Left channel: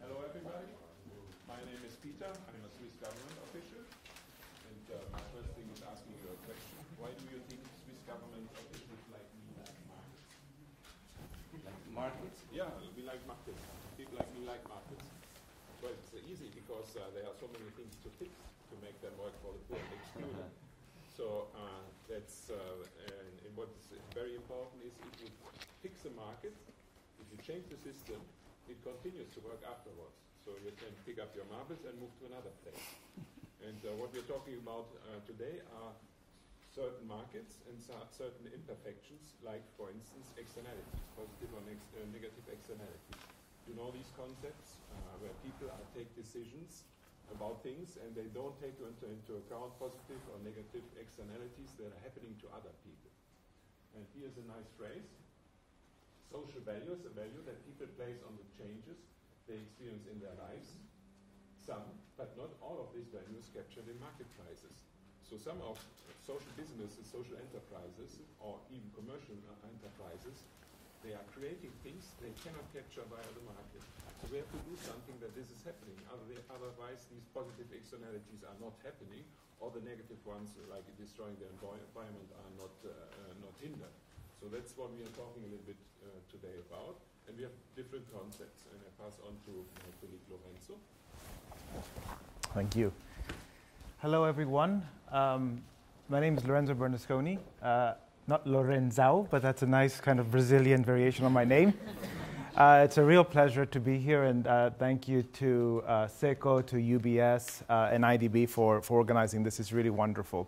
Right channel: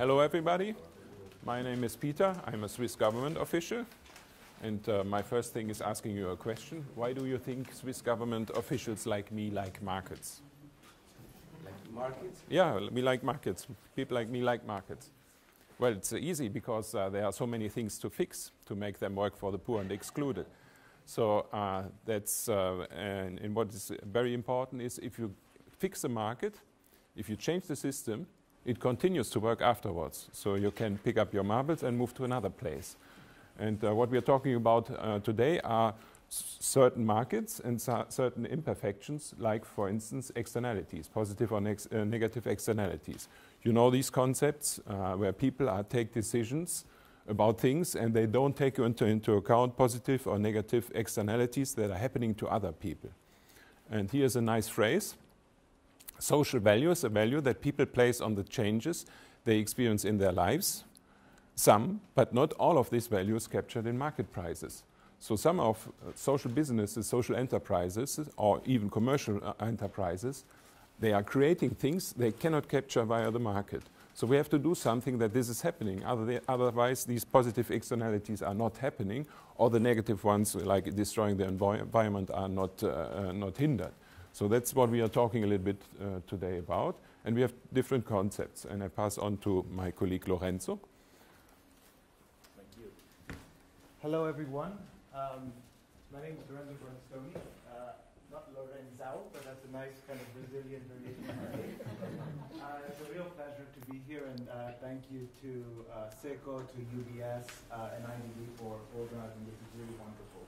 Hello everybody, my name is Peter, I'm a Swiss government official, and my first thing is asking you a question. Why do you think Swiss government officials like me like markets? Markets? Yeah, we like markets. People like me like markets. Well, it's easy because there are so many things to fix to make them work for the poor and excluded. So and what is very important is if you fix the market, if you change the system, it continues to work afterwards. So you can pick up your marbles and move to another place. And what we are talking about today are certain markets and certain imperfections, like, for instance, externalities, positive or negative externalities. You know these concepts where people take decisions about things and they don't take into account positive or negative externalities that are happening to other people. And here's a nice phrase. Social value is a value that people place on the changes they experience in their lives. Some, but not all of these values captured in market prices. So some of social businesses, social enterprises, or even commercial enterprises, they are creating things they cannot capture via the market. So we have to do something that this is happening. Otherwise, these positive externalities are not happening, or the negative ones, like destroying the environment, are not hindered. So that's what we are talking a little bit today about. And we have different concepts. And I pass on to my colleague Lorenzo. Thank you. Hello, everyone. My name is Lorenzo Bernasconi. Not Lorenzo, but that's a nice kind of Brazilian variation on my name. It's a real pleasure to be here, and thank you to SECO, to UBS, and IDB for organizing this. It's really wonderful.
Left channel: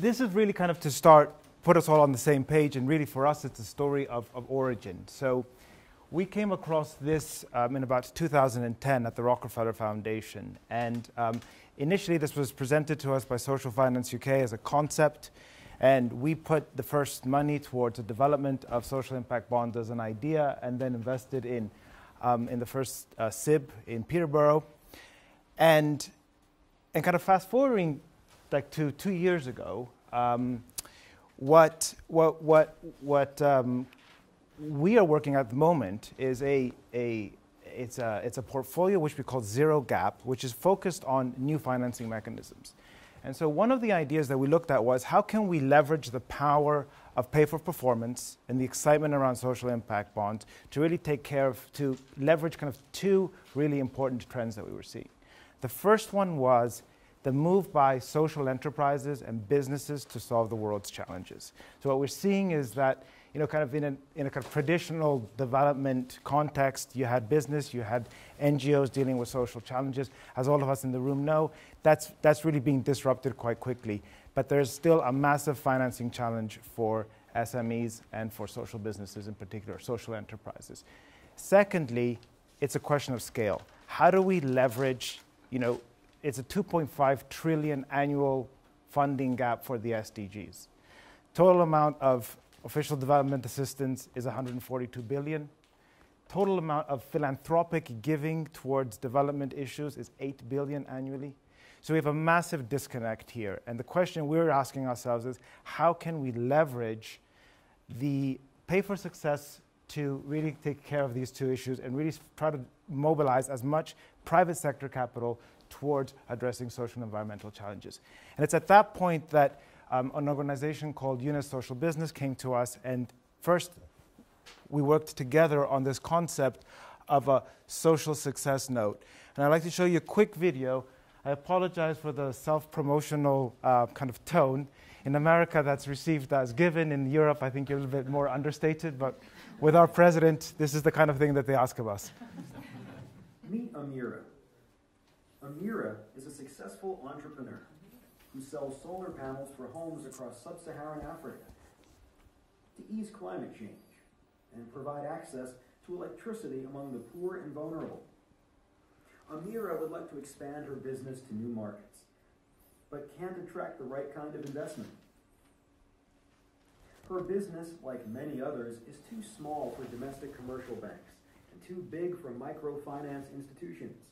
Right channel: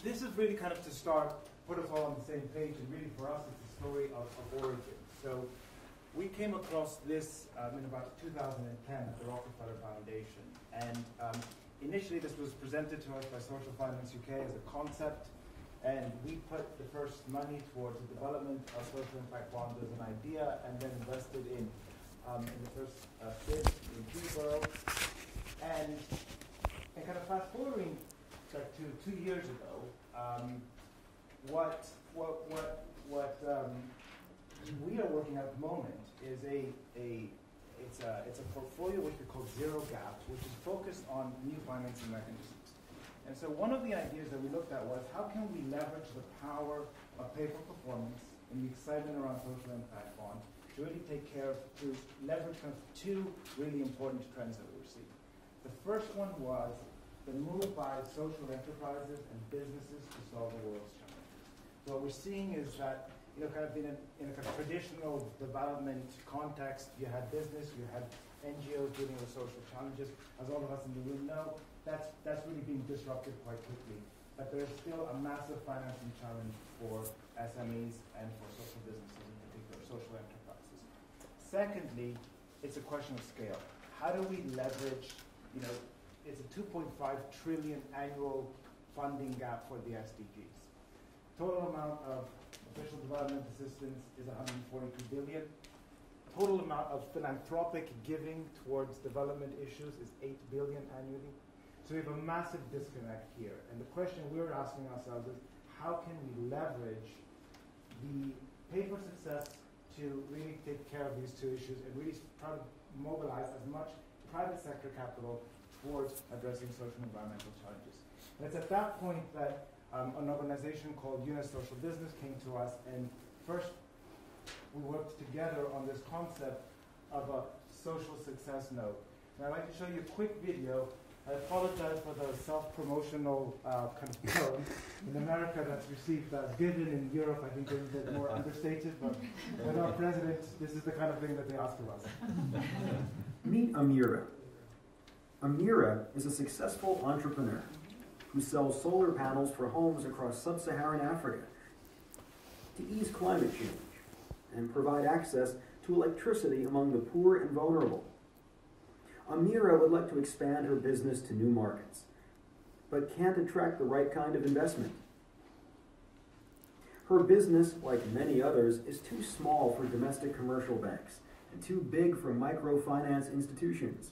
This is really kind of to put us all on the same page, and really for us it's a story of origin. So we came across this in about 2010 at the Rockefeller Foundation, and initially this was presented to us by Social Finance UK as a concept, and we put the first money towards the development of social impact bonds as an idea, and then invested in the first SIB in Peterborough. And kind of fast forwarding like to 2 years ago, what we are working at the moment is it's a portfolio which we call Zero Gap, which is focused on new financing mechanisms. And so one of the ideas that we looked at was how can we leverage the power of pay for performance and the excitement around social impact bonds to really to leverage kind of two really important trends that we were seeing. The first one was the move by social enterprises and businesses to solve the world's challenges. So what we're seeing is that, you know, kind of in a kind of traditional development context, you had business, you had NGOs dealing with social challenges. As all of us in the room know, that's really being disrupted quite quickly. But there's still a massive financing challenge for SMEs and for social businesses in particular, social enterprises. Secondly, it's a question of scale. How do we leverage, you know, it's a 2.5 trillion annual funding gap for the SDGs. Total amount of official development assistance is 142 billion. Total amount of philanthropic giving towards development issues is 8 billion annually. So we have a massive disconnect here. And the question we're asking ourselves is, how can we leverage the pay for success to really take care of these two issues and really try to mobilize as much private sector capital towards addressing social and environmental challenges. And it's at that point that an organization called UNIS Social Business came to us, and first we worked together on this concept of a social success note. And I'd like to show you a quick video. I apologize for the self-promotional kind of tone. In America, that's received as given. In Europe, I think you're a little bit more understated, but with our president, this is the kind of thing that they ask of us. Meet Amira. Amira is a successful entrepreneur who sells solar panels for homes across sub-Saharan Africa to ease climate change and provide access to electricity among the poor and vulnerable. Amira would like to expand her business to new markets, but can't attract the right kind of investment. Her business, like many others, is too small for domestic commercial banks and too big for microfinance institutions.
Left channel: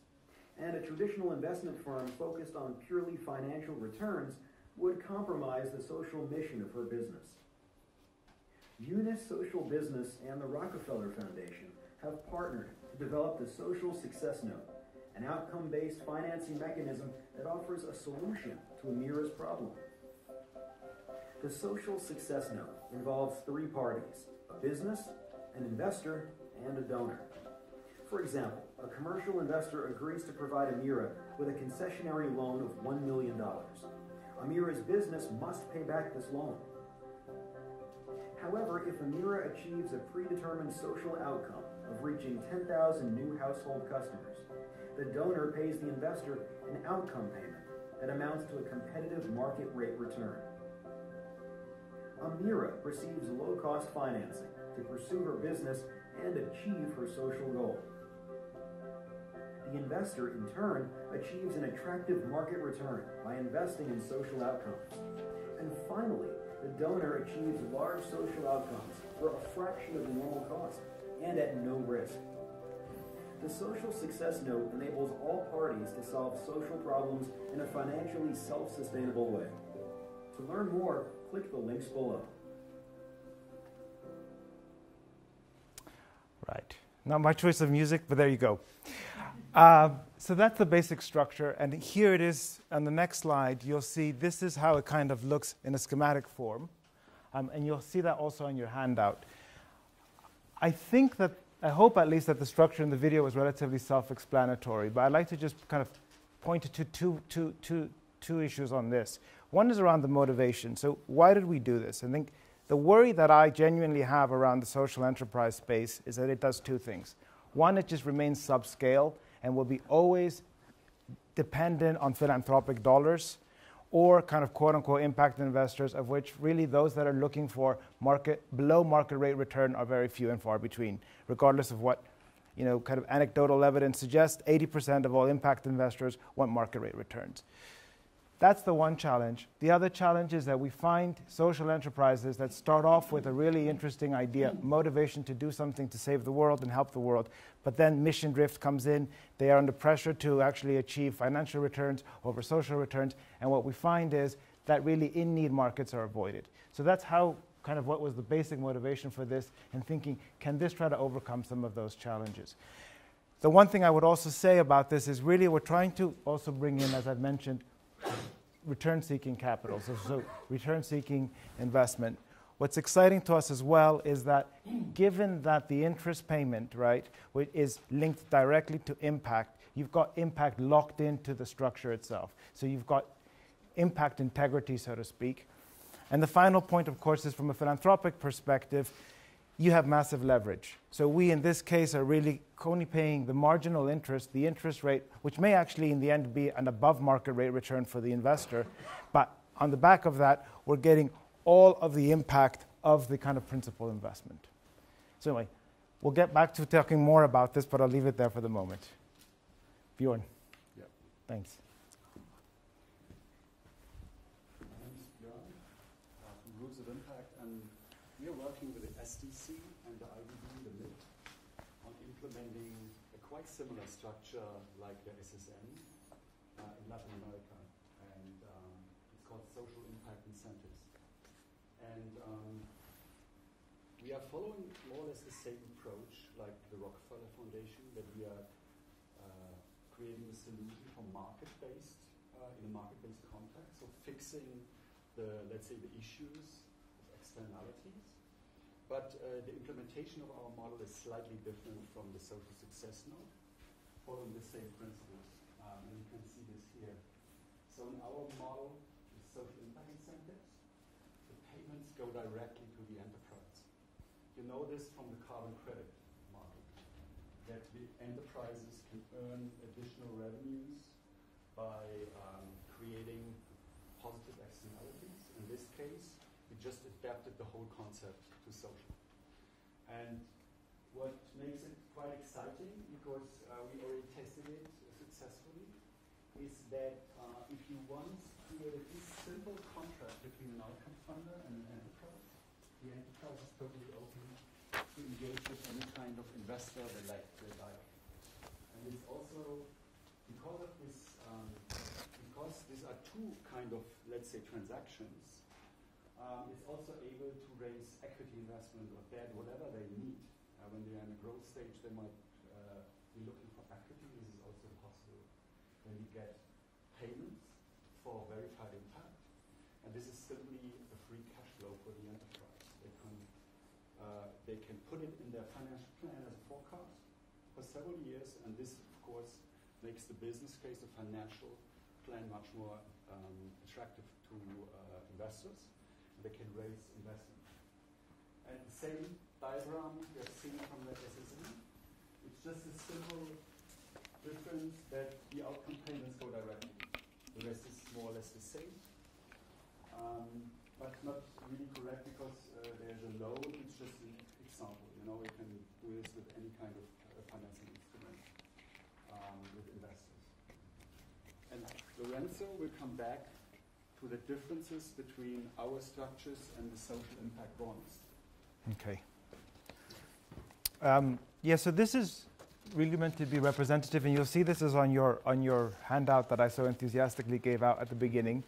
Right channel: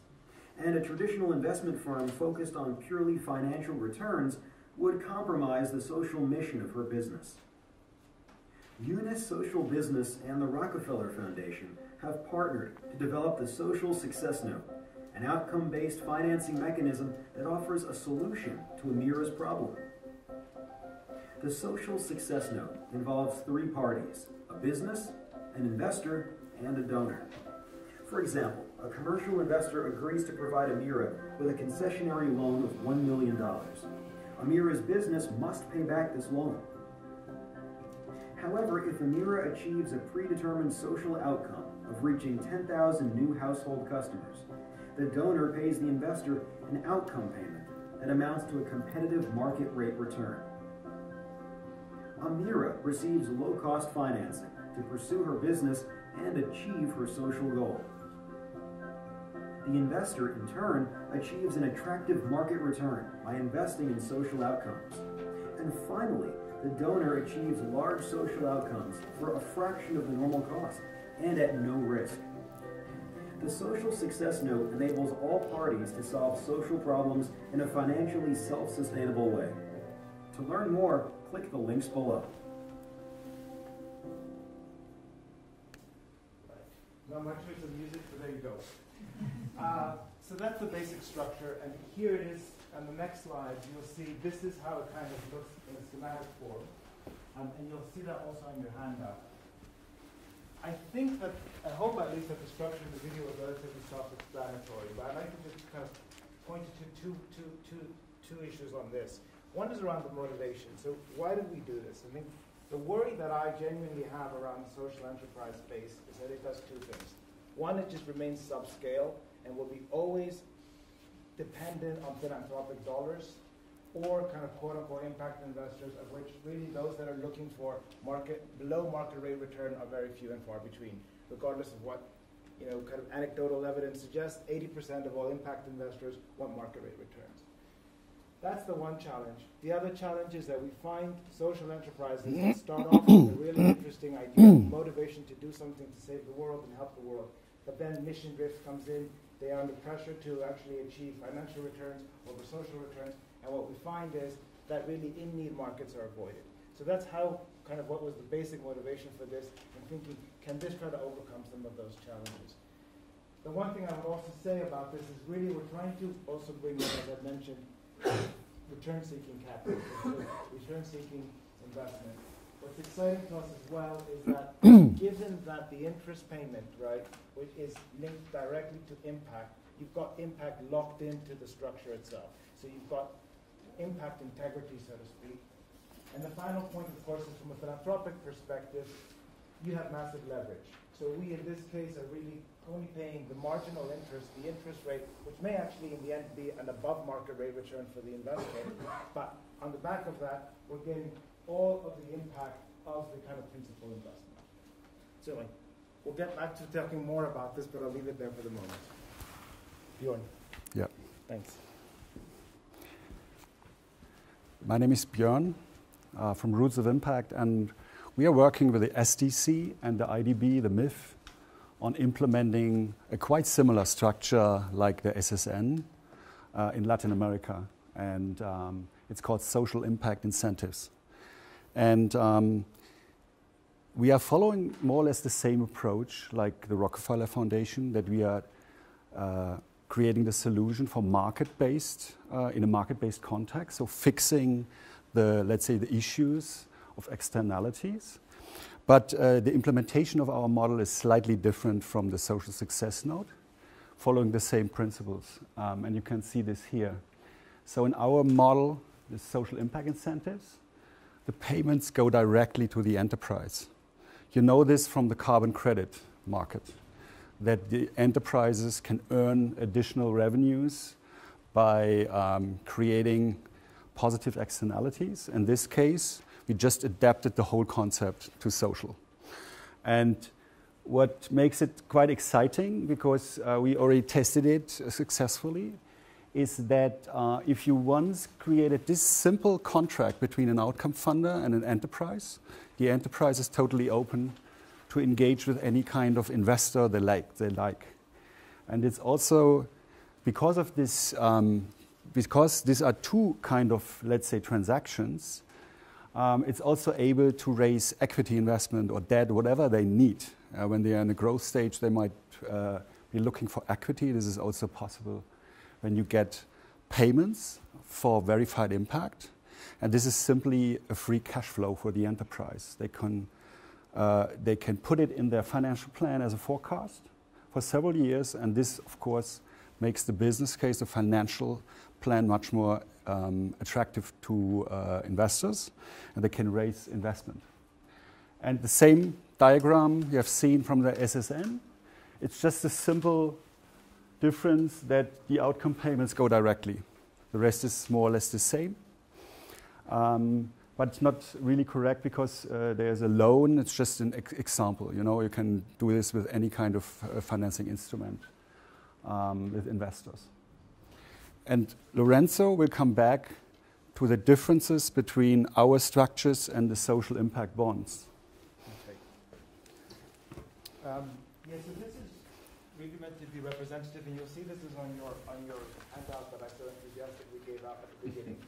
And a traditional investment firm focused on purely financial returns would compromise the social mission of her business. UNIS Social Business and the Rockefeller Foundation have partnered to develop the Social Success Note, an outcome-based financing mechanism that offers a solution to Amira's problem. The Social Success Note involves three parties: a business, an investor, and a donor. For example, a commercial investor agrees to provide Amira with a concessionary loan of $1 million. Amira's business must pay back this loan. However, if Amira achieves a predetermined social outcome of reaching 10,000 new household customers, the donor pays the investor an outcome payment that amounts to a competitive market rate return. Amira receives low-cost financing to pursue her business and achieve her social goal. The investor, in turn, achieves an attractive market return by investing in social outcomes. And finally, the donor achieves large social outcomes for a fraction of the normal cost and at no risk. The Social Success Note enables all parties to solve social problems in a financially self-sustainable way. To learn more, click the links below. Right. Not my choice of music, but there you go. So that's the basic structure, and here it is on the next slide. You'll see this is how it kind of looks in a schematic form, and you'll see that also on your handout. I hope at least that the structure in the video was relatively self-explanatory, but I'd like to just kind of point to two issues on this. One is around the motivation. So why did we do this? I think the worry that I genuinely have around the social enterprise space is that it does two things. One, it just remains subscale and will be always dependent on philanthropic dollars or kind of quote-unquote impact investors, of which really those that are looking for below market rate return are very few and far between, regardless of what kind of anecdotal evidence suggests. 80% of all impact investors want market rate returns. That's the one challenge. The other challenge is that we find social enterprises that start off with a really interesting idea, motivation to do something to save the world and help the world, but then mission drift comes in. They are under pressure to actually achieve financial returns over social returns, and what we find is that really in-need markets are avoided. So that's how kind of what was the basic motivation for this, and thinking, can this try to overcome some of those challenges? The one thing I would also say about this is really we're trying to also bring in, as I've mentioned, return-seeking capital, so return-seeking investment. What's exciting to us as well is that given that the interest payment, right, which is linked directly to impact, you've got impact locked into the structure itself. So you've got impact integrity, so to speak. And the final point, of course, is from a philanthropic perspective, you have massive leverage. So we, in this case, are really only paying the marginal interest, the interest rate, which may actually in the end be an above market rate return for the investor. But on the back of that, we're getting all of the impact of the kind of principal investment. So anyway, we'll get back to talking more about this, but I'll leave it there for the moment. Björn. Yeah. Thanks. My name is Björn from Roots of Impact, and we are working with the SDC and the IDB, the MIF, on implementing a quite similar structure like the SSN in Latin America. And it's called Social Impact Incentives. And we are following more or less the same approach like the Rockefeller Foundation, that we are creating the solution for market-based, in a market-based context, so fixing the, let's say, the issues of externalities. But the implementation of our model is slightly different from the Social Success Note, following the same principles. And you can see this here. So in our model, the social impact incentives, the payments go directly to the enterprise. You know this from the carbon credit market, that the enterprises can earn additional revenues by creating positive externalities. In this case, we just adapted the whole concept to social. And what makes it quite exciting, because we already tested it successfully, is that if you once created this simple contract between an outcome funder and an enterprise, the enterprise is totally open to engage with any kind of investor they like. And it's also, because of this, because these are two kind of, let's say, transactions, it's also able to raise equity investment or debt, whatever they need, When they are in the growth stage, they might be looking for equity. This is also possible when you get payments for verified impact. And this is simply a free cash flow for the enterprise. They can put it in their financial plan as a forecast for several years, and this, of course, makes the business case, the financial plan, much more attractive to investors, and they can raise investment. And the same diagram you have seen from the SSN, it's just a simple difference that the outcome payments go directly. The rest is more or less the same. But it's not really correct because there's a loan. It's just an example. You know, you can do this with any kind of financing instrument with investors. And Lorenzo will come back to the differences between our structures and the social impact bonds. Okay. Yeah, so this is really meant to be representative, and you'll see this is on your handout that I so enthusiastically gave out at the beginning.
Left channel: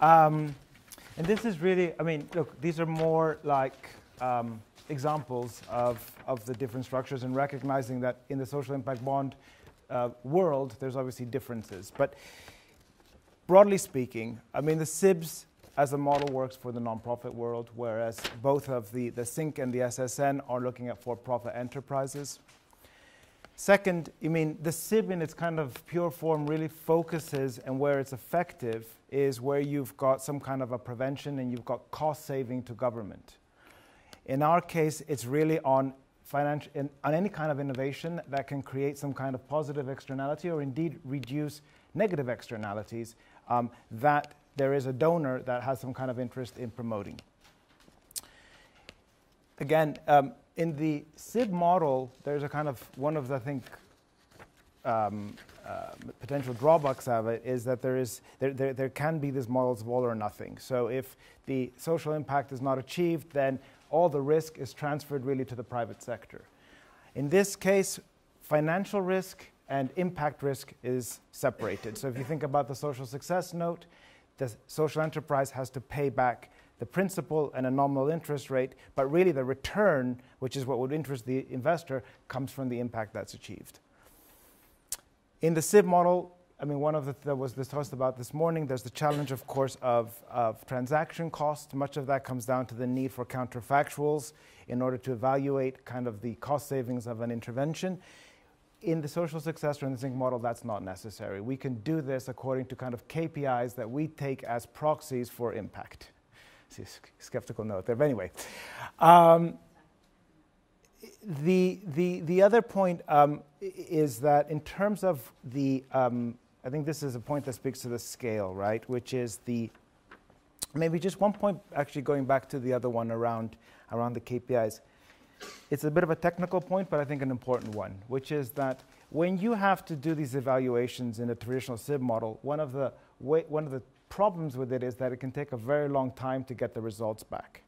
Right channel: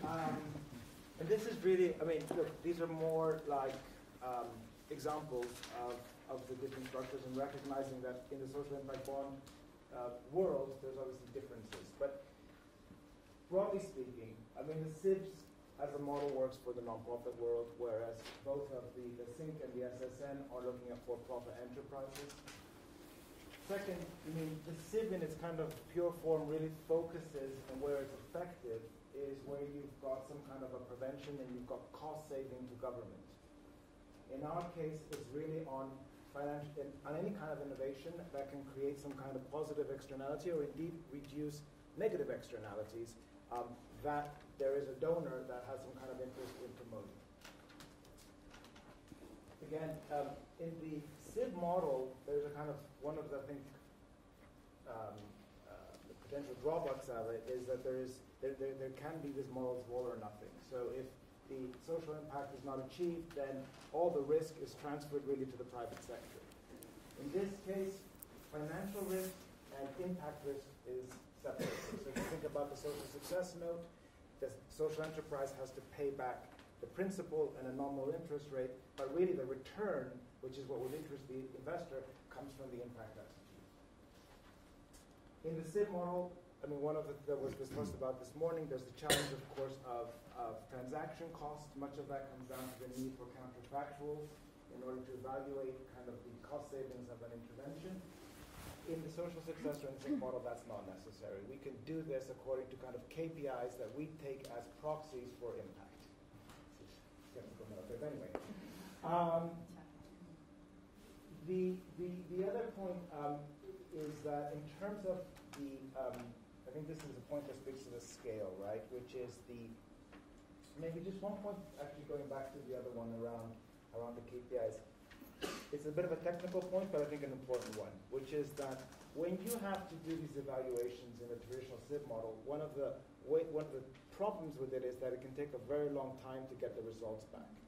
And this is really, I mean, look, these are more like examples of the different structures, and recognizing that in the social impact bond world, there's obviously differences. But broadly speaking, I mean, the SIBs as a model works for the nonprofit world, whereas both of the SINC and the SSN are looking at for-profit enterprises. Second, I mean, the SIB in its kind of pure form really focuses, and where it's effective is where you've got some kind of a prevention and you've got cost saving to government. In our case, it's really on any kind of innovation that can create some kind of positive externality, or indeed reduce negative externalities that there is a donor that has some kind of interest in promoting. Again, in the SIB model, there's a kind of one of the, I think, potential drawbacks of it is that there can be these models of all or nothing. So if the social impact is not achieved, then all the risk is transferred really to the private sector. In this case, financial risk and impact risk is separated. So if you think about the social success note, the social enterprise has to pay back the principal and a nominal interest rate, but really the return, which is what would interest the investor, comes from the impact that's achieved. In the SIB model, I mean, one of the that was discussed about this morning, there's the challenge, of course, of transaction costs. Much of that comes down to the need for counterfactuals in order to evaluate kind of the cost savings of an intervention. In the social success or in the SINC model, that's not necessary. We can do this according to kind of KPIs that we take as proxies for impact. See, skeptical note there, but anyway. The other point is that in terms of the, I think this is a point that speaks to the scale, right? Which is maybe just one point actually going back to the other one around the KPIs. It's a bit of a technical point, but I think an important one, which is that when you have to do these evaluations in a traditional SIB model, one of the problems with it is that it can take a very long time to get the results back.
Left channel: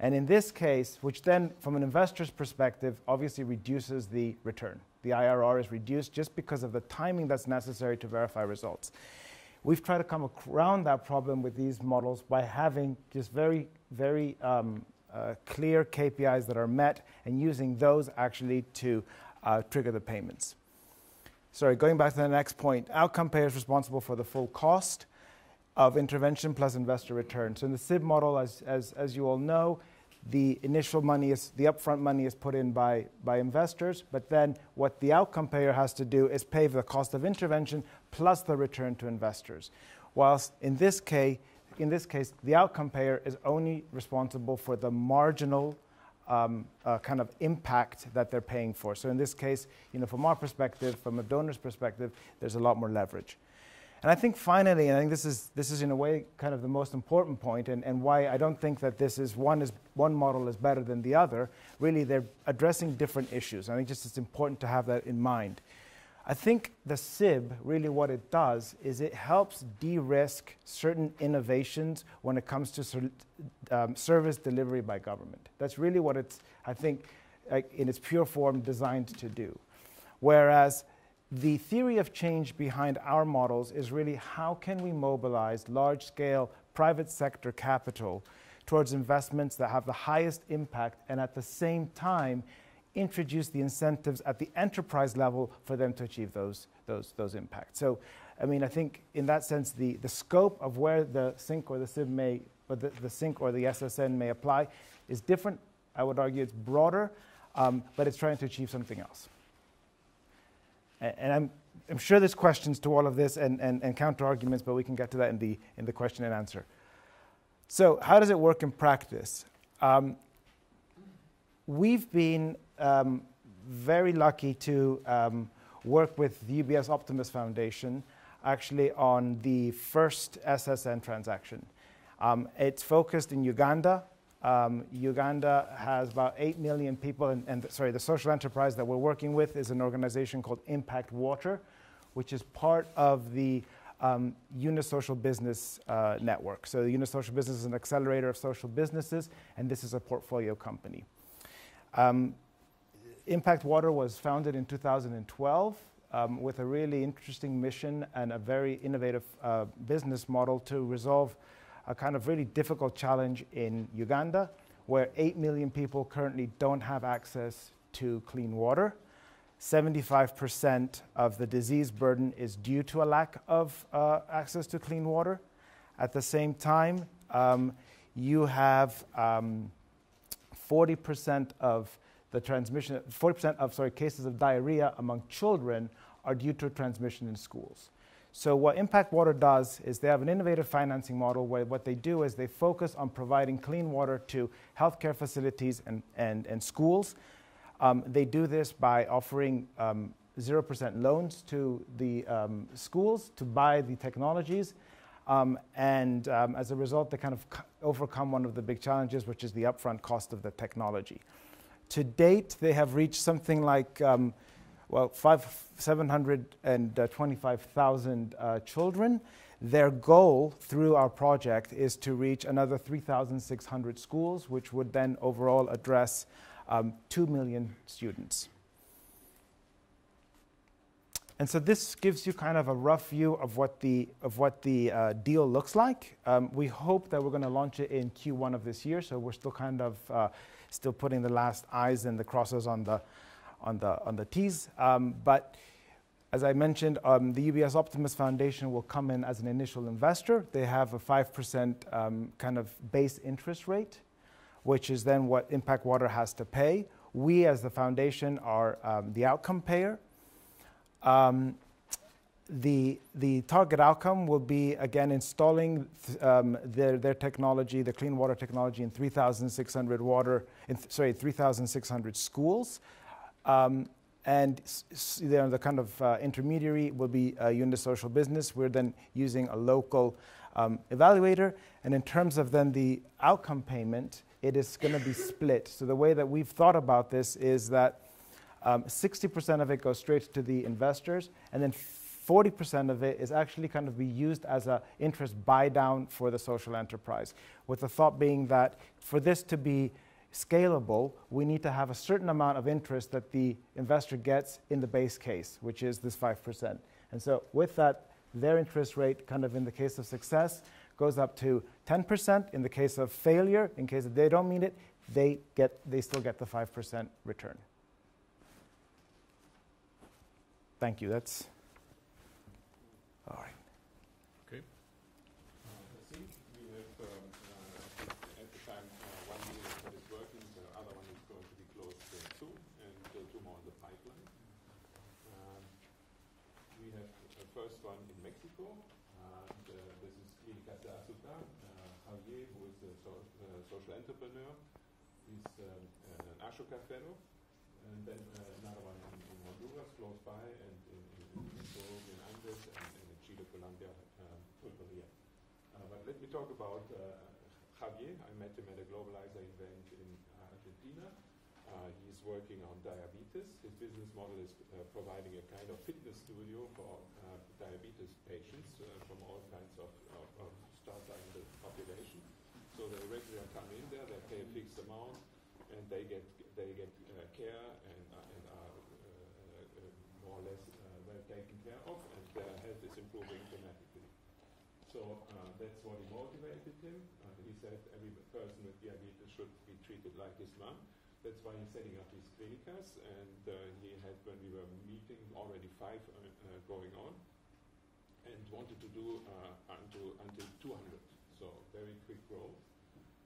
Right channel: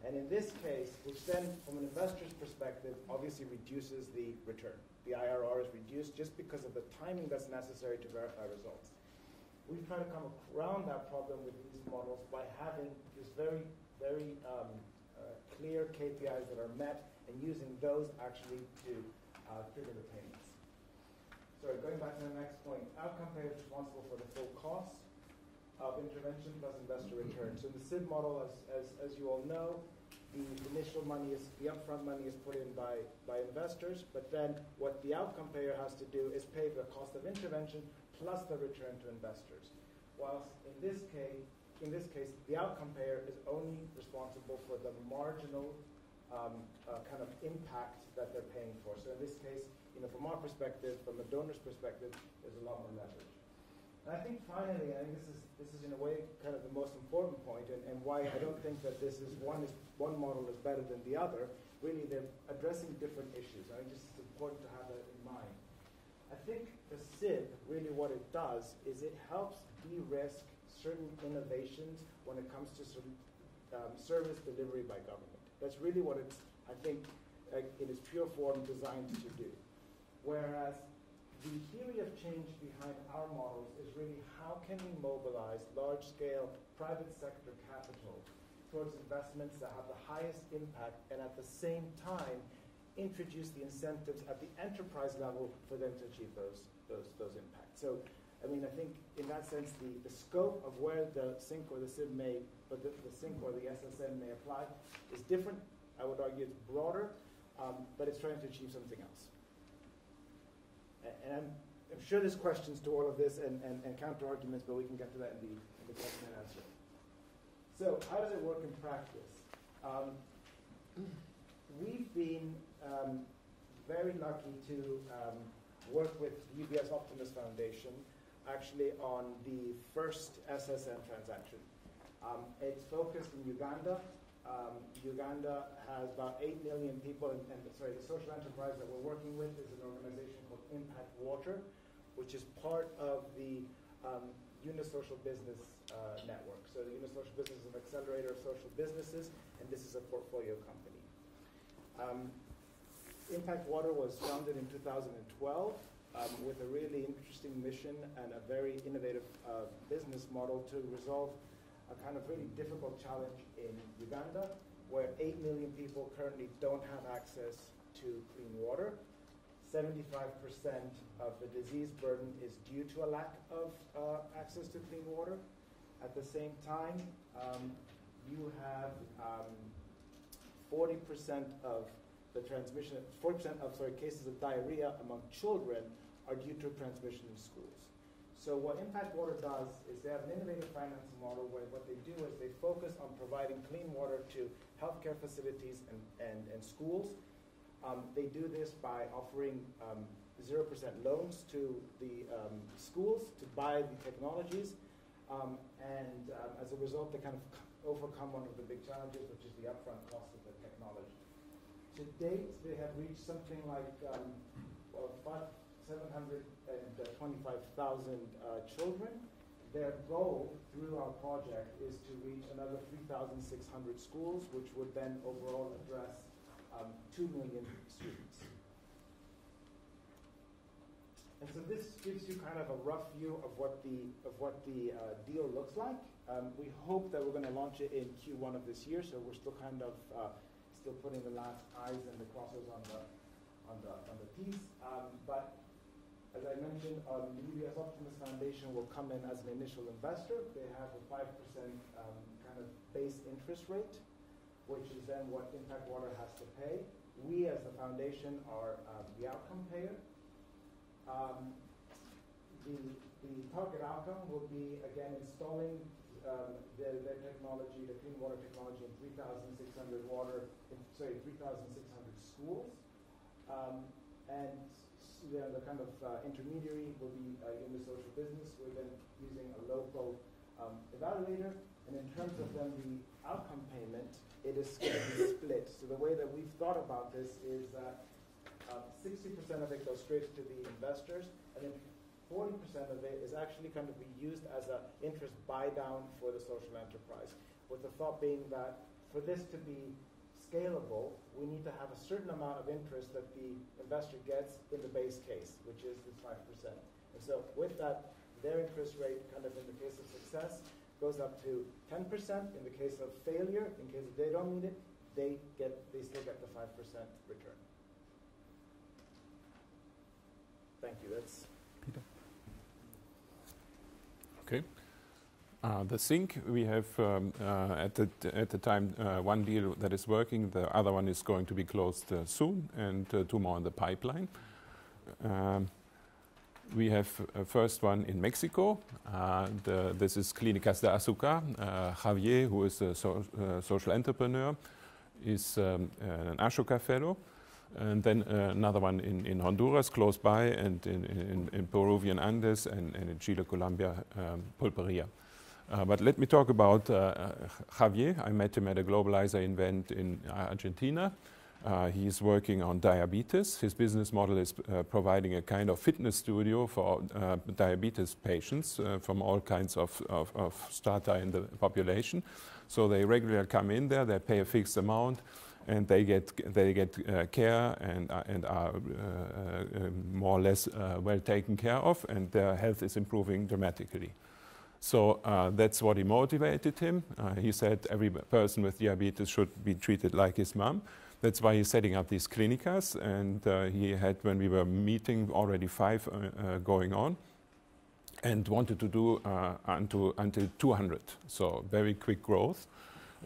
And in this case, which then from an investor's perspective obviously reduces the return. The IRR is reduced just because of the timing that's necessary to verify results. We've tried to come around that problem with these models by having just very, very clear KPIs that are met and using those actually to trigger the payments. Sorry, going back to the next point, outcome payer is responsible for the full cost of intervention plus investor return. So in the SIB model, as you all know, the initial money is, the upfront money is put in by investors, but then what the outcome payer has to do is pay for the cost of intervention plus the return to investors. Whilst in this case, the outcome payer is only responsible for the marginal kind of impact that they're paying for. So in this case, from our perspective, from a donor's perspective, there's a lot more leverage. And I think finally, and I think this is in a way kind of the most important point, and why I don't think that this is one model is better than the other. Really, they're addressing different issues. I think just it's important to have that in mind. I think the SIB, really what it does is it helps de-risk certain innovations when it comes to service delivery by government. That's really what it's, I think, in its pure form, designed to do. Whereas the theory of change behind our models is really how can we mobilize large-scale private sector capital towards investments that have the highest impact and at the same time introduce the incentives at the enterprise level for them to achieve those impacts. So, I mean, I think in that sense, the scope of where the SINC or the SIB may, or the SINC or the SSN may apply is different. I would argue it's broader, but it's trying to achieve something else. And I'm sure there's questions to all of this and counter arguments, but we can get to that in the question and answer. So how does it work in practice? We've been very lucky to work with the UBS Optimus Foundation actually on the first SSN transaction. It's focused in Uganda. Uganda has about 8 million people, and the social enterprise that we're working with is an organization called Impact Water, which is part of the Unisocial Business Network. So the Unisocial Business is an accelerator of social businesses, and this is a portfolio company. Impact Water was founded in 2012 with a really interesting mission and a very innovative business model to resolve a kind of really difficult challenge in Uganda, where 8 million people currently don't have access to clean water. 75% of the disease burden is due to a lack of access to clean water. At the same time, you have 40% of the transmission, 40% of cases of diarrhea among children are due to transmission in schools. So what Impact Water does is they have an innovative financing model where what they do is they focus on providing clean water to healthcare facilities and schools. They do this by offering 0% loans to the schools to buy the technologies. As a result, they kind of overcome one of the big challenges, which is the upfront cost of the technology. To date, they have reached something like 725,000 children. Their goal through our project is to reach another 3,600 schools, which would then overall address 2 million students. And so this gives you kind of a rough view of what the deal looks like. We hope that we're going to launch it in Q1 of this year, so we're still kind of still putting the last I's and the crosses on the T's. But as I mentioned, the UBS Optimus Foundation will come in as an initial investor. They have a 5% kind of base interest rate, which is then what Impact Water has to pay. We, as the foundation, are the outcome payer. The target outcome will be, again, installing their technology, the clean water technology, in 3,600 schools. And the kind of intermediary will be a Unisocial Business. We're then using a local evaluator. And in terms of then the outcome payment, it is going to be split. So the way that we've thought about this is that 60% of it goes straight to the investors, and then 40% of it is actually kind of be used as an interest buy down for the social enterprise, with the thought being that for this to be scalable, we need to have a certain amount of interest that the investor gets in the base case, which is this 5%. And so with that, their interest rate, kind of in the case of success, goes up to 10%. In the case of failure, in case they don't meet it, they still get the 5% return. Thank you. That's Peter. All right. Okay. The SINC, we have at the time one deal that is working. The other one is going to be closed soon, and 2 more in the pipeline. We have a first one in Mexico. This is Clínicas de Azúcar. Javier, who is a social entrepreneur, is an Ashoka fellow. And then another one in Honduras, close by, and in Peruvian Andes, and in Chile, Colombia, Pulperia. But let me talk about Javier. I met him at a Globalizer event in Argentina. He's working on diabetes. His business model is providing a kind of fitness studio for diabetes patients from all kinds of strata in the population. So they regularly come in there, they pay a fixed amount, and they get care and are more or less well taken care of, and their health is improving dramatically. So that's what motivated him. He said every person with diabetes should be treated like his mom. That's why he's setting up these clinicas, and he had, when we were meeting, already 5 going on, and wanted to do until 200, so very quick growth.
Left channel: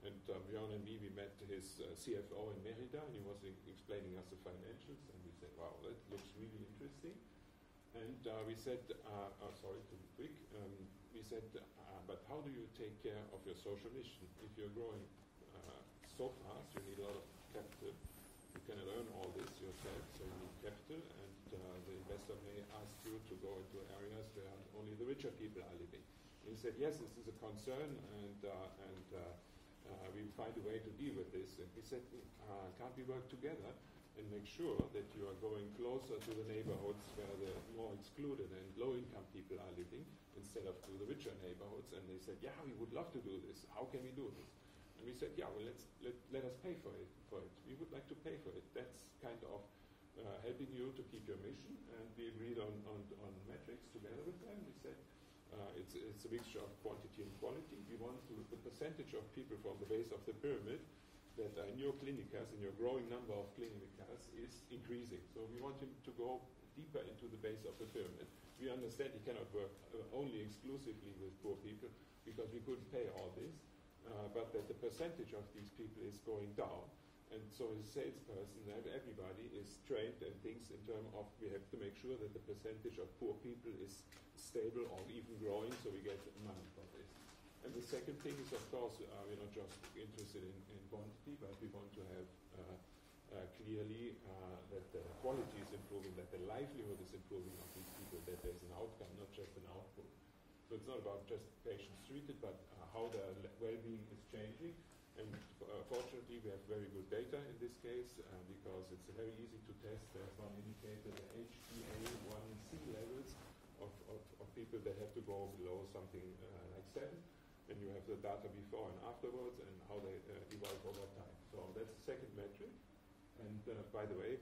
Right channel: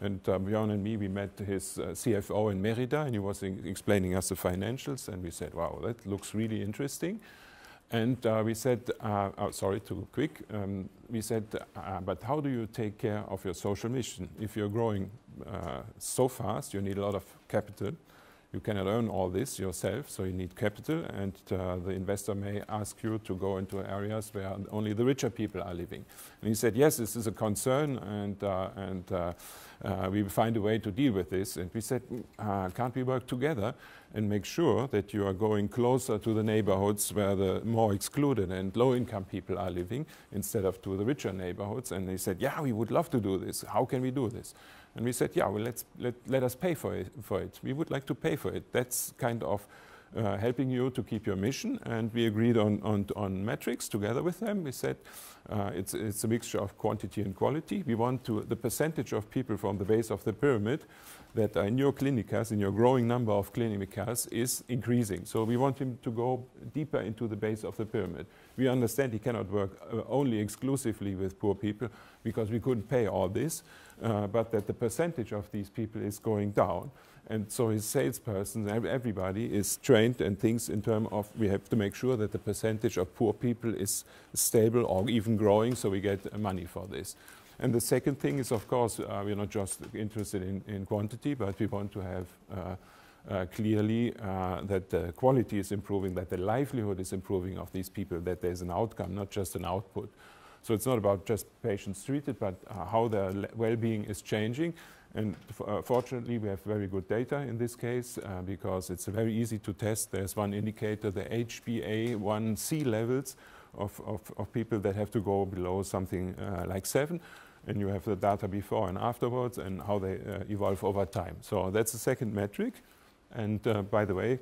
And Björn and me, we met his CFO in Merida, and he was explaining us the financials, and we said, wow, that looks really interesting. And we said, sorry, too quick. We said, but how do you take care of your social mission? If you're growing so fast, you need a lot of capital. You cannot earn all this yourself, so you need capital, and the investor may ask you to go into areas where only the richer people are living. And he said, yes, this is a concern, and we will find a way to deal with this. And we said, can't we work together and make sure that you are going closer to the neighborhoods where the more excluded and low-income people are living, instead of to the richer neighborhoods? And they said, yeah, we would love to do this. How can we do this? And we said, yeah, well, let us pay for it. We would like to pay for it. That's kind of helping you to keep your mission. And we agreed on metrics together with them. We said, it's a mixture of quantity and quality. We want the percentage of people from the base of the pyramid that are in your clinicas, in your growing number of clinicas, is increasing. So we want him to go deeper into the base of the pyramid. We understand he cannot work only exclusively with poor people, because we couldn't pay all this, but that the percentage of these people is going down. And so his salesperson, everybody is trained and thinks in terms of, we have to make sure that the percentage of poor people is stable or even growing, so we get money for this. And the second thing is, of course, we're not just interested in quantity, but we want to have clearly that the quality is improving, that the livelihood is improving of these people, that there's an outcome, not just an output. So it's not about just patients treated, but how their well-being is changing. And fortunately, we have very good data in this case, because it's very easy to test. There's one indicator, the HbA1c levels of people that have to go below something like 7. And you have the data before and afterwards, and how they evolve over time. So that's the second metric. And by the way,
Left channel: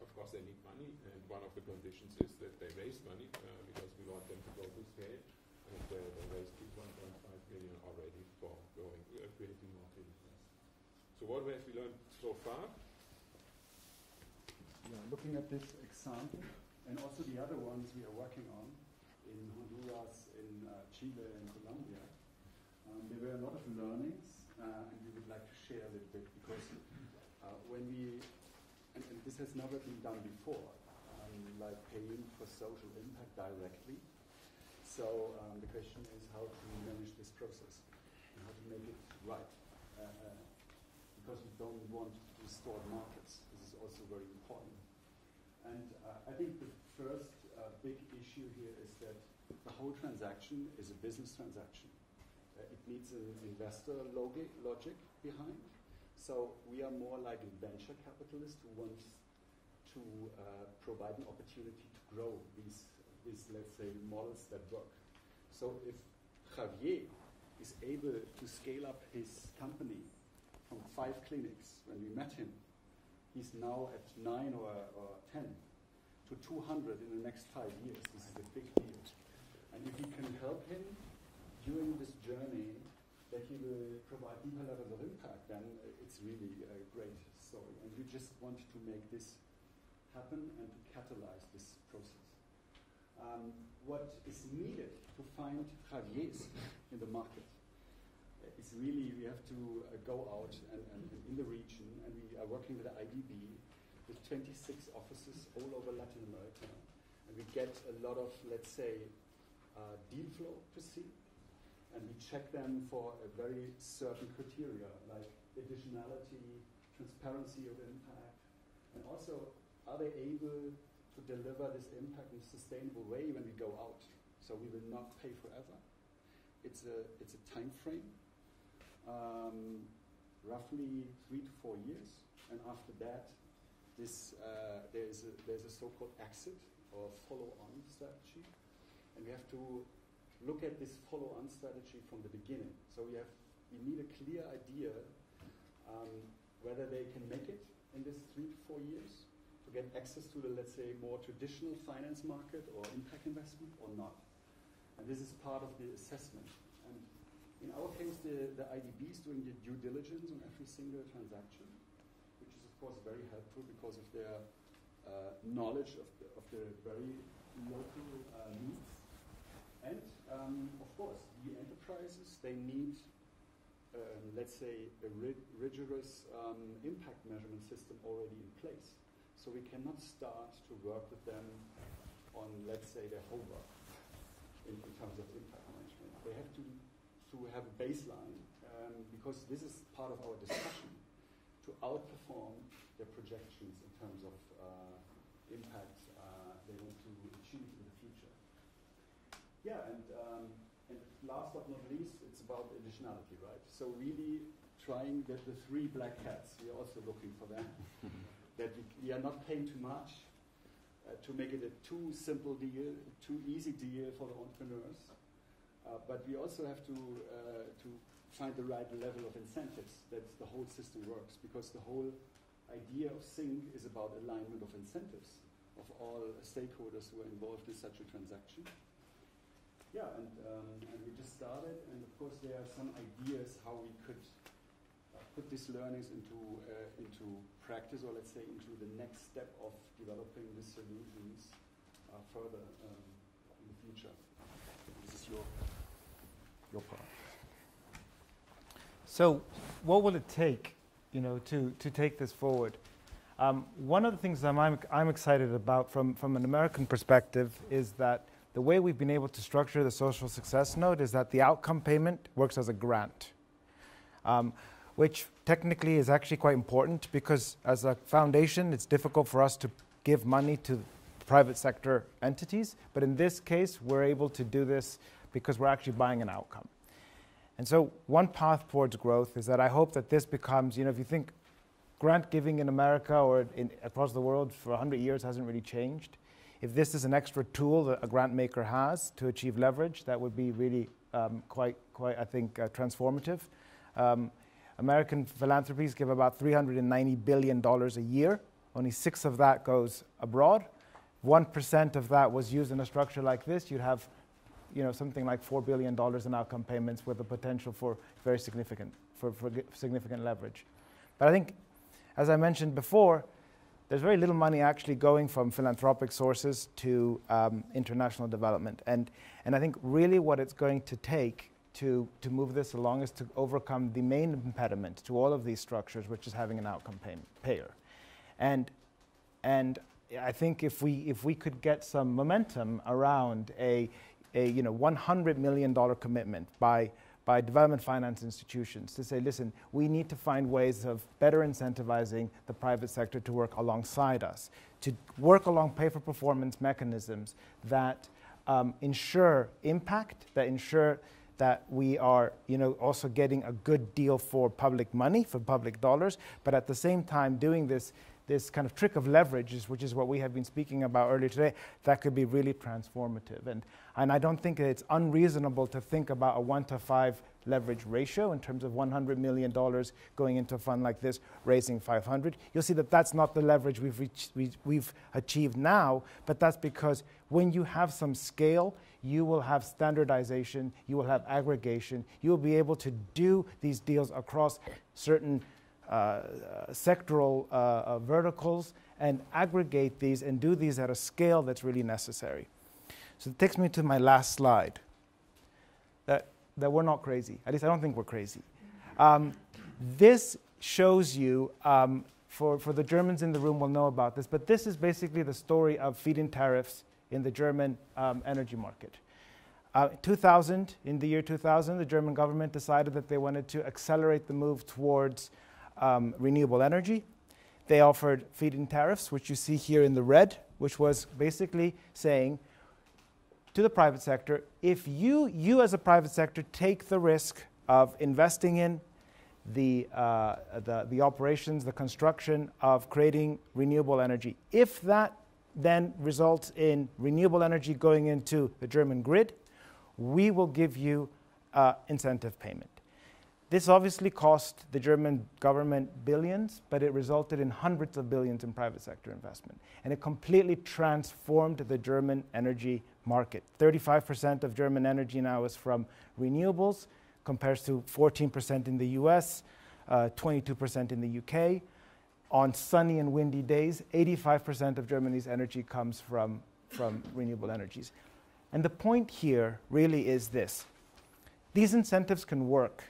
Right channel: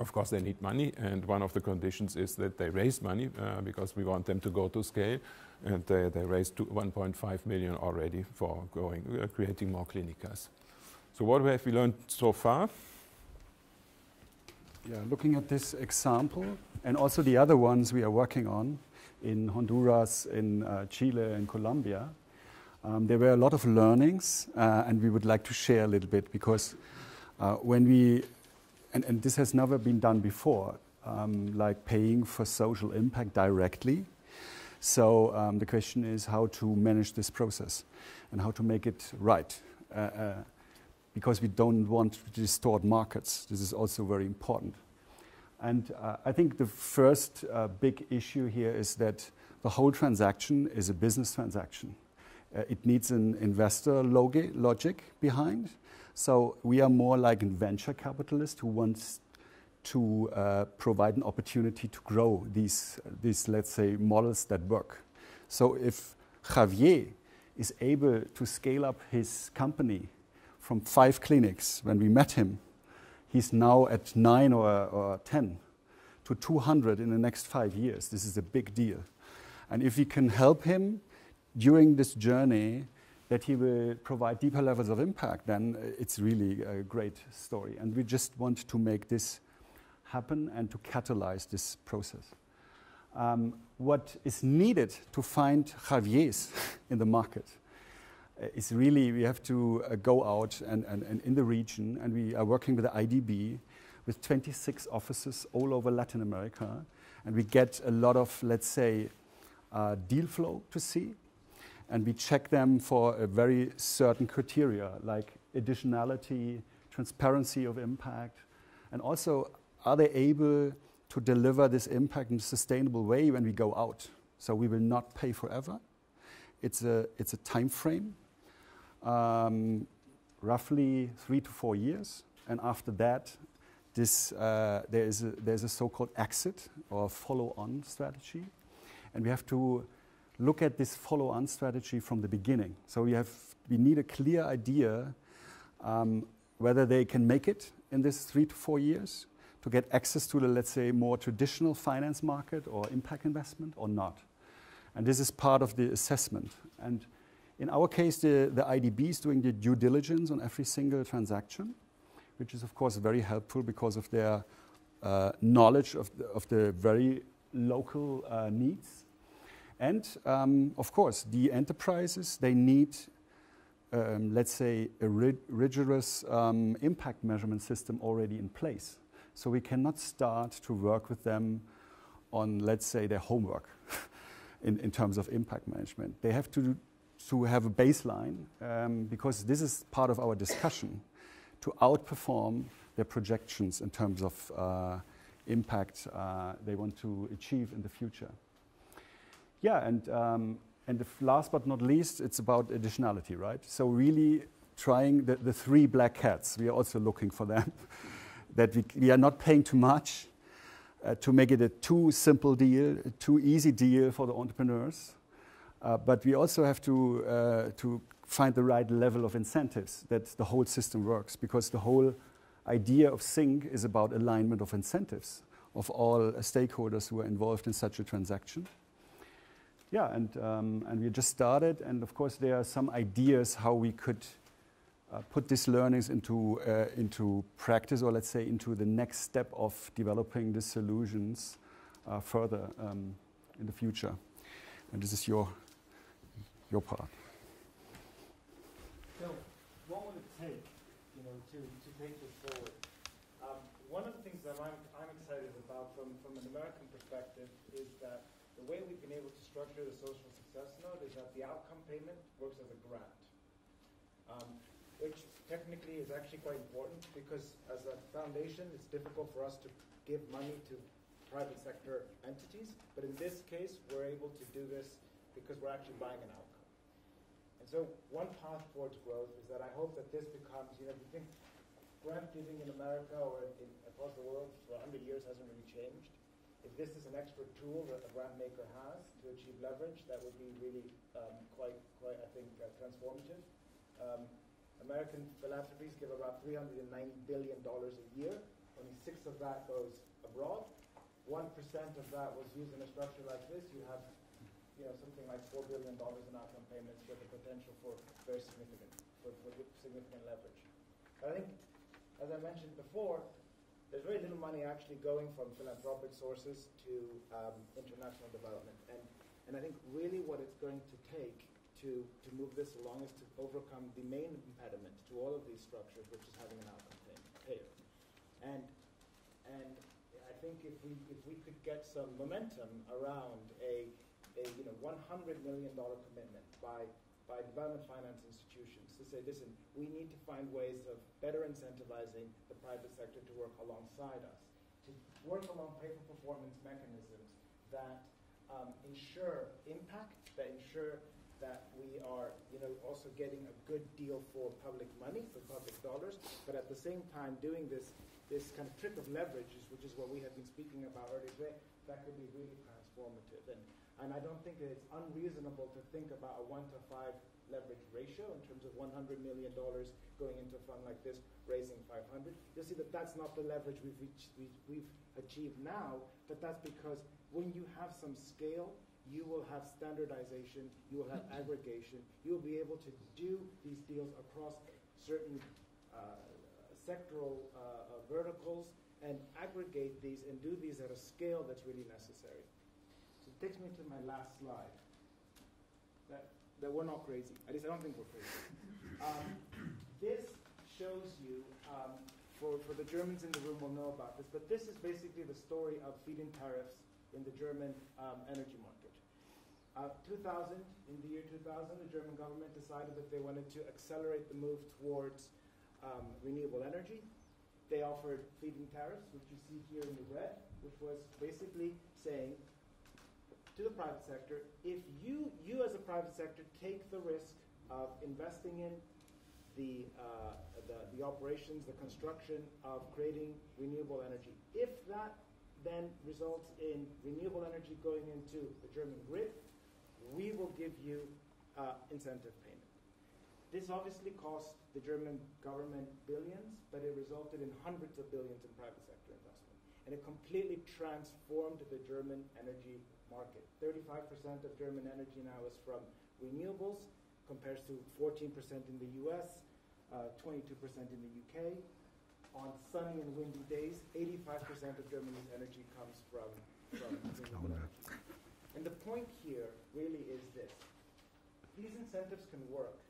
of course, they need money, and one of the conditions is that they raise money, because we want them to go to scale. And they raised 1.5 million already for creating more clinicas. So what have we learned so far? Yeah, looking at this example, and also the other ones we are working on in Honduras, in Chile, and Colombia, there were a lot of learnings, and we would like to share a little bit, because when we, and this has never been done before, like paying for social impact directly. So the question is how to manage this process and how to make it right, because we don't want to distort markets. This is also very important. And I think the first big issue here is that the whole transaction is a business transaction. It needs an investor logic behind. So we are more like a venture capitalist who wants to provide an opportunity to grow these, let's say, models that work. So if Javier is able to scale up his company from 5 clinics when we met him, he's now at 9 or 10 to 200 in the next 5 years. This is a big deal. And if we can help him during this journey, that he will provide deeper levels of impact, then it's really a great story. And we just want to make this happen and to catalyze this process. What is needed to find Javiers in the market is really, we have to go out and in the region, and we are working with the IDB with 26 offices all over Latin America, and we get a lot of, let's say, deal flow to see, and we check them for a very certain criteria, like additionality, transparency of impact, and also, are they able to deliver this impact in a sustainable way when we go out? So we will not pay forever. It's a time frame, roughly 3 to 4 years, and after that, there's a so-called exit or follow-on strategy, and we have to look at this follow-on strategy from the beginning. So we need a clear idea whether they can make it in this 3 to 4 years to get access to the, let's say, more traditional finance market or impact investment or not. And this is part of the assessment. And in our case, the IDB is doing the due diligence on every single transaction. which is of course very helpful because of their knowledge of the very local needs. And of course, the enterprises, they need, let's say, a rigorous impact measurement system already in place. So we cannot start to work with them on, let's say, their homework in terms of impact management. They have to have a baseline because this is part of our discussion to outperform their projections in terms of impact they want to achieve in the future. Yeah, and last but not least, it's about additionality, right? So really trying the three black hats. We are also looking for them, that we are not paying too much to make it a too simple deal, a too easy deal for the entrepreneurs. But we also have to find the right level of incentives that the whole system works, because the whole idea of SYNC is about alignment of incentives of all stakeholders who are involved in such a transaction. Yeah, and we just started, and of course there are some ideas how we could put these learnings into practice, or let's say into the next step of developing the solutions further in the future. And this is your part. So, what will it take, to take this forward? One of the things that I'm excited about from an American perspective is that the way we've been able to structure the social success node is that the outcome payment works as a grant, which technically is actually quite important, because as a foundation, it's difficult for us to give money to private sector entities. But in this case, we're able to do this because we're actually buying an outcome. And so one path towards growth is that I hope that this becomes, if you think grant giving in America or across the world for 100 years hasn't really changed. If this is an extra tool that a grant maker has to achieve leverage, that would be really quite, I think, transformative. American philanthropies give about $390 billion a year. Only 6 of that goes abroad. 1% of that was used in a structure like this. You'd have, something like $4 billion in outcome payments with the potential for very significant leverage. But I think, as I mentioned before, there's very little money actually going from philanthropic sources to international development. And I think really what it's going to take to move this along is to overcome the main impediment to all of these structures, which is having an outcome payer. And I think if we could get some momentum around a $100 million commitment by development finance institutions to say, listen, we need to find ways of better incentivizing the private sector to work alongside us, to work along pay-for-performance mechanisms that ensure impact, that ensure that we are also getting a good deal for public money, for public dollars, but at the same time doing this kind of trick of leverage, which is what we have been speaking about earlier today, that could be really transformative. And I don't think it's unreasonable to think about a 1-to-5 leverage ratio in terms of $100 million going into a fund like this, raising 500. You'll see that that's not the leverage we've achieved now, but that's because when you have some scale, you will have standardization, you will have aggregation, you will be able to do these deals across certain sectoral verticals and aggregate these and do these at a scale that's really necessary. So it takes me to my last slide, that we're not crazy. At least I don't think we're crazy. This shows you, for the Germans in the room will know about this, but this is basically the story of feed-in tariffs in the German energy market. In the year 2000, the German government decided that they wanted to accelerate the move towards renewable energy. They offered feed-in tariffs, which you see here in the red, which was basically saying to the private sector, if you as a private sector take the risk of investing in the operations, the construction of creating renewable energy, if that then results in renewable energy going into the German grid, we will give you incentive payment. This obviously cost the German government billions, but it resulted in hundreds of billions in private sector investment. And it completely transformed the German energy market. 35% of German energy now is from renewables, compares to 14% in the US, 22% in the UK. on sunny and windy days, 85% of Germany's energy comes from renewable energies. And the point here really is this. These incentives can work,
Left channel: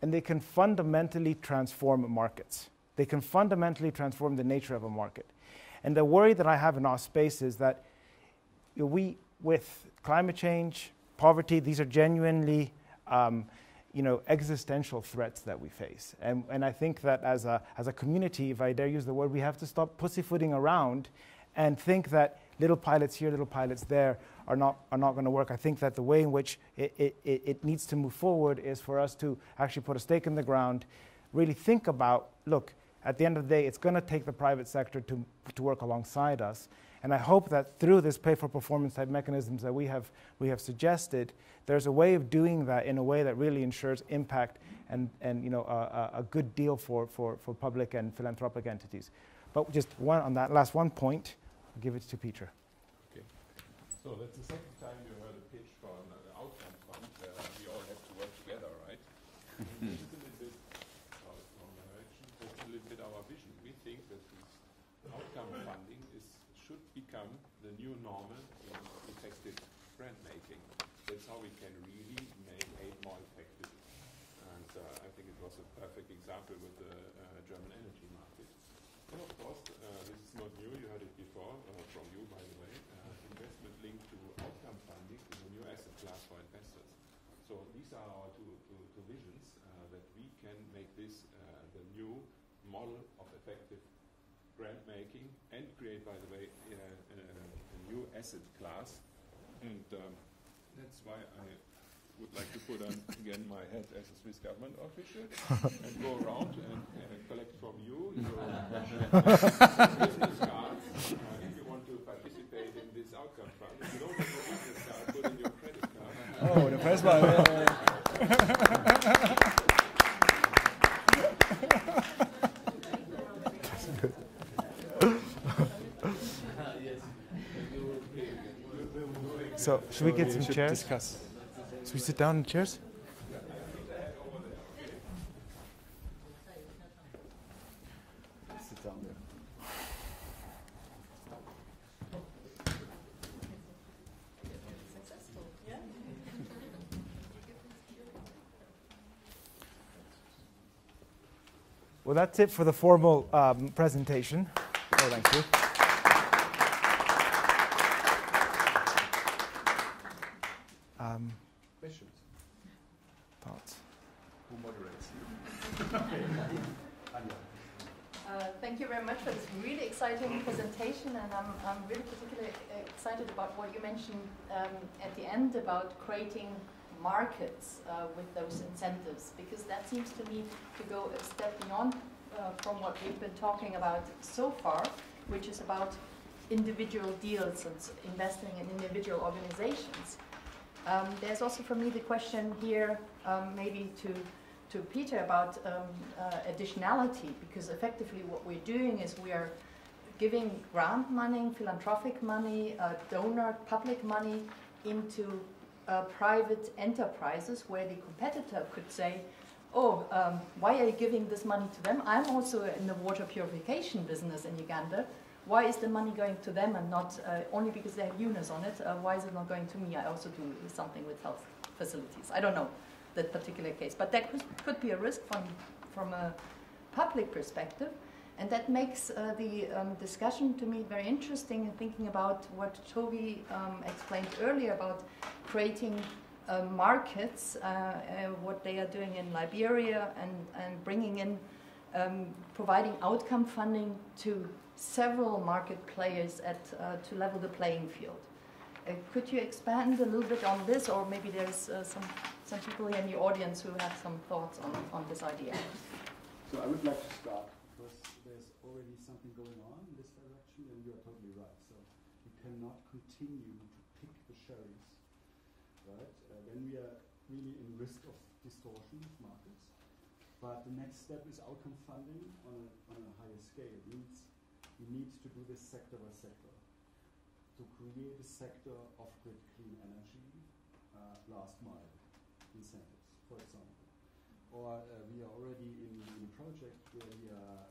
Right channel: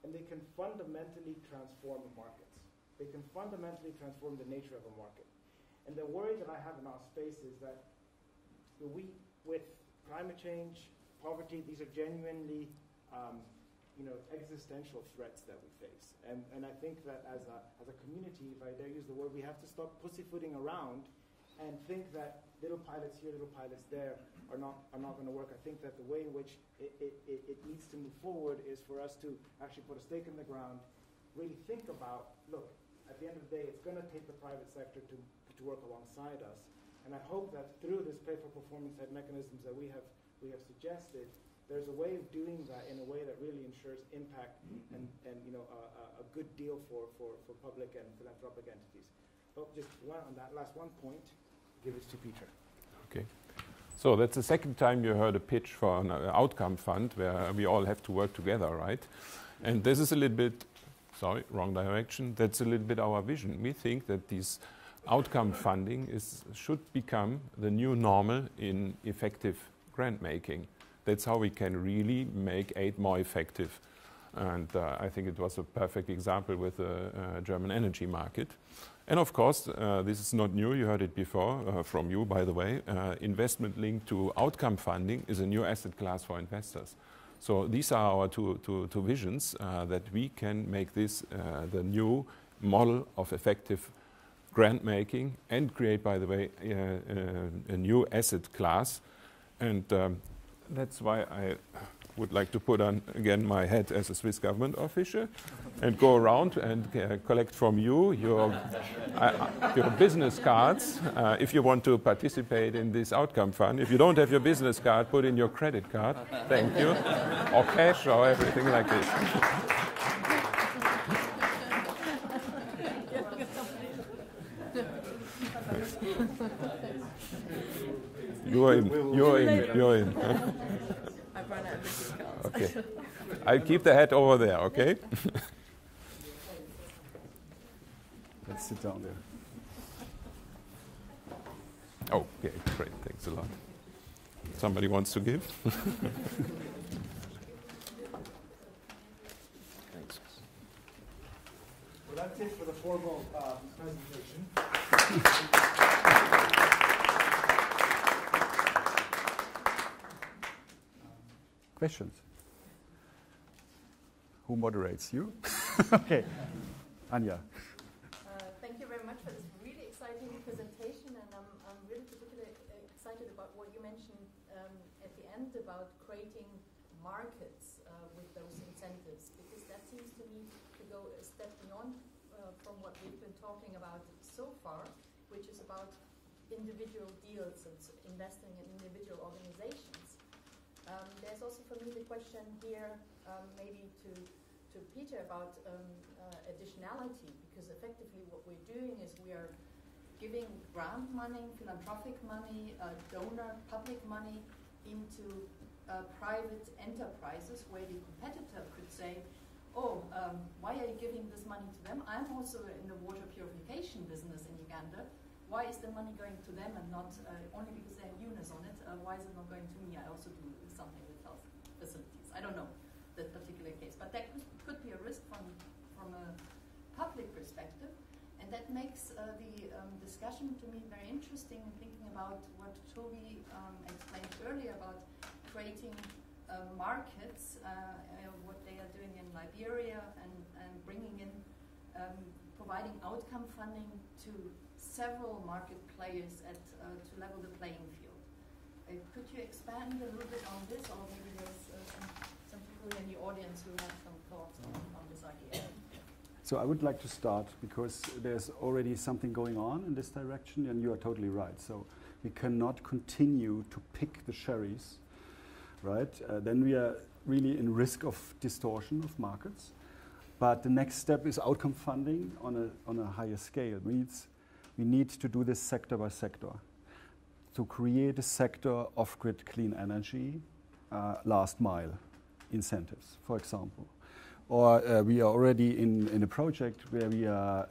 and they can fundamentally transform markets. They can fundamentally transform the nature of a market. And the worry that I have in our space is that we, with climate change, poverty, these are genuinely existential threats that we face. And I think that as a community, if I dare use the word, we have to stop pussyfooting around and think that little pilots here, little pilots there are not going to work. I think that the way in which it needs to move forward is for us to actually put a stake in the ground, really think about, look, at the end of the day, it's going to take the private sector to work alongside us. And I hope that through this pay-for-performance type mechanisms that we have suggested, there's a way of doing that in a way that really ensures impact and a good deal for public and philanthropic entities. But just on that last one point, I'll give it to Peter. Okay. So that's the second time you heard a pitch for an outcome fund where we all have to work together, right? Mm-hmm. And this is a little bit, sorry, wrong direction. That's a little bit our vision. We think that these outcome funding should become the new normal in effective grant making. That's how we can really make aid more effective. And I think it was a perfect example with the German energy market. And of course, this is not new, you heard it before from you, by the way. Investment linked to outcome funding is a new asset class for investors. So these are our two visions, that we can make this the new model of effective grant making and create, by the way, a new asset class. And that's why I would like to put on again my hat as a Swiss government official and go around and collect from you your business cards if you want to participate in this outcome fund. If you don't have your business card, put in your credit card. Thank you. Or cash or everything like this. You're in. Should we get some chairs? You sit down in the chairs? I'll keep the hat over there, okay? Let's sit down there. Oh, okay, great, thanks a lot. Somebody wants to give? Well, that's it for the formal presentation. Questions? Thoughts? Who moderates? You? Okay. Anja. Thank you very much for this really exciting presentation, and I'm really particularly excited about what you mentioned at the end about creating markets with those incentives, because that seems to me to go a step beyond from what we've been talking about so far, which is about individual deals and investing in individual organizations. There's also for me the question here, maybe to Peter, about additionality, because effectively what we're doing is we are giving grant money, philanthropic money, donor public money into private enterprises where the competitor could say, oh, why are you giving this money to them? I'm also in the water purification business in Uganda. Why is the money going to them and not only because they have UNIS on it? Why is it not going to me? I also do something with health facilities. I don't know that particular case, but that could be a risk from a public perspective, and that makes the discussion to me very interesting. Thinking about what Toby explained earlier about creating markets, what they are doing in Liberia, and bringing in providing outcome funding to several market players to level the playing field. Could you expand a little bit on this, or maybe there's some people in the audience who have some thoughts on this idea? So I would like to start because there's already something going on in this direction, and you are totally right. So we cannot continue to pick the cherries, right? Then we are really in risk of distortion of markets. But the next step is outcome funding on a higher scale. We need to do this sector by sector to create a sector of grid clean energy, last mile incentives, for example. Or we are already in a project where we are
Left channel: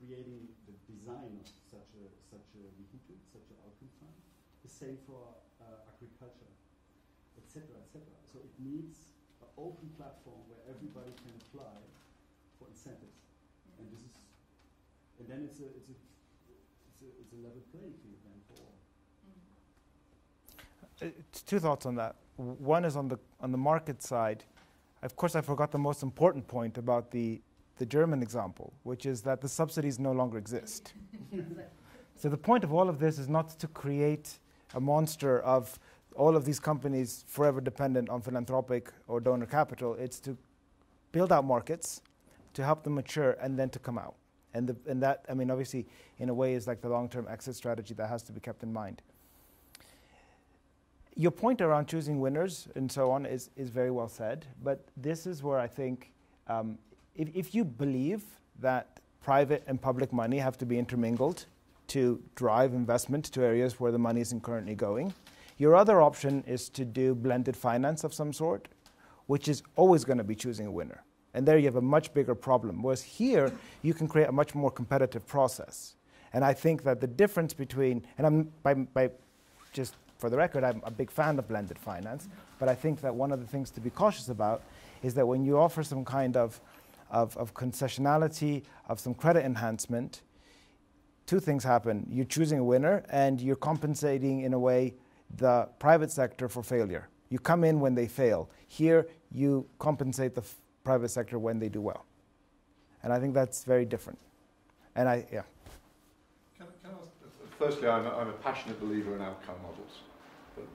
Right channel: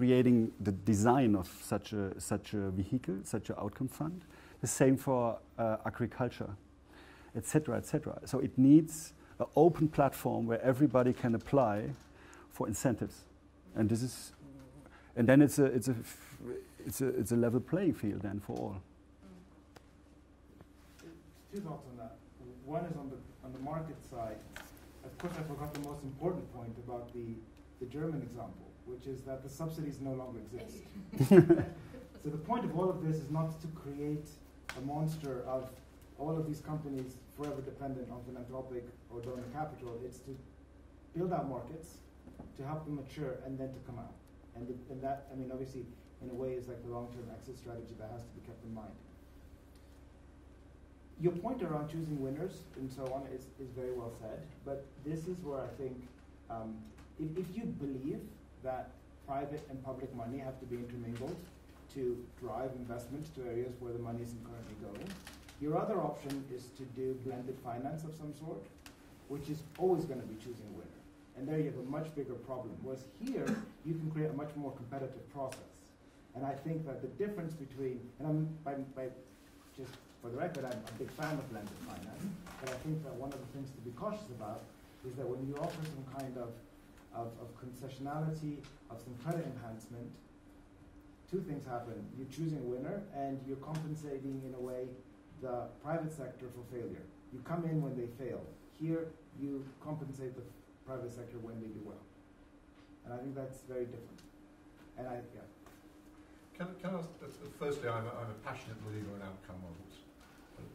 creating the design of such a vehicle, such an outcome fund. The same for agriculture, etc., etc. So it needs an open platform where everybody can apply for incentives, and this is, and then it's a level playing field then for all. Two thoughts on that. One is on the market side. Of course, I forgot the most important point about the German example, which is that the subsidies no longer exist. So the point of all of this is not to create a monster of all of these companies forever dependent on philanthropic or donor capital. It's to build out markets, to help them mature, and then to come out. And that, I mean, obviously, in a way, is like the long-term exit strategy that has to be kept in mind. Your point around choosing winners and so on is very well said, but this is where I think if you believe that private and public money have to be intermingled to drive investment to areas where the money isn't currently going, your other option is to do blended finance of some sort, which is always going to be choosing a winner. And there you have a much bigger problem, whereas here you can create a much more competitive process. And I think that the difference between, and I'm by just for the record, I'm a big fan of blended finance, but I think that one of the things to be cautious about is that when you offer some kind of concessionality, of some credit enhancement, two things happen. You're choosing a winner, and you're compensating, in a way, the private sector for failure. You come in when they fail. Here, you compensate the private sector when they do well. And I think that's very different. And yeah. Can I ask, firstly, I'm a passionate believer in outcome models.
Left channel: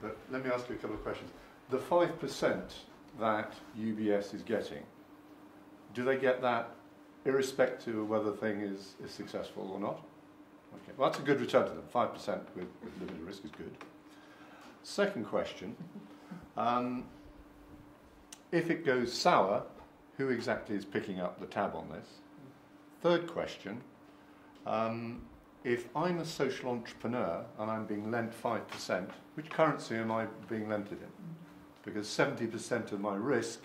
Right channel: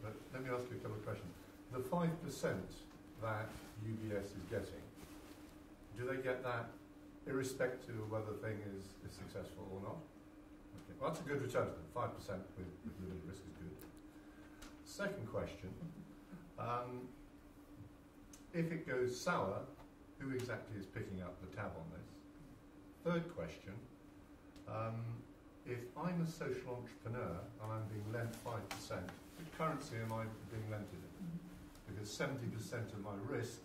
But let me ask you a couple of questions. The 5% that UBS is getting, do they get that irrespective of whether the thing is successful or not? Okay. Well, that's a good return to them. 5% with limited risk is good. Second question, if it goes sour, who exactly is picking up the tab on this? Third question, if I'm a social entrepreneur and I'm being lent 5%, which currency am I being lent it in? Because 70% of my risk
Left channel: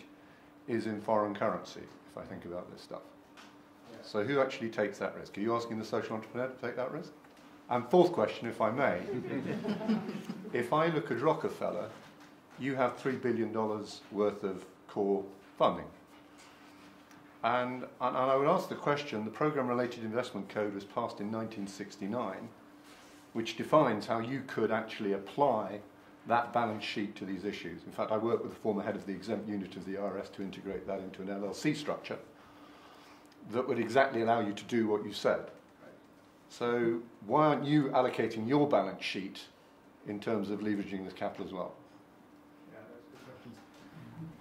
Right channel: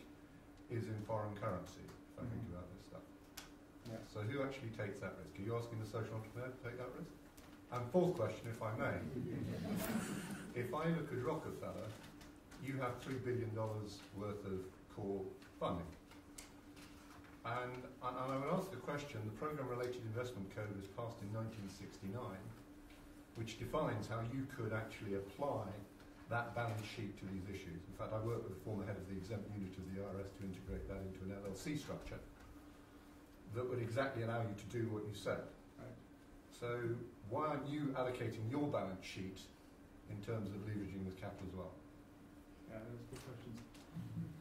is in foreign currency, if I think about this stuff. Yeah. So who actually takes that risk? Are you asking the social entrepreneur to take that risk? And fourth question, if I may, if I look at Rockefeller, you have $3 billion worth of core funding. And I would ask the question, the Program-Related Investment Code was passed in 1969, which defines how you could actually apply that balance sheet to these issues. In fact, I worked with the former head of the exempt unit of the IRS to integrate that into an LLC structure that would exactly allow you to do what you said. So why aren't you allocating your balance sheet in terms of leveraging this capital as well? Yeah, that's good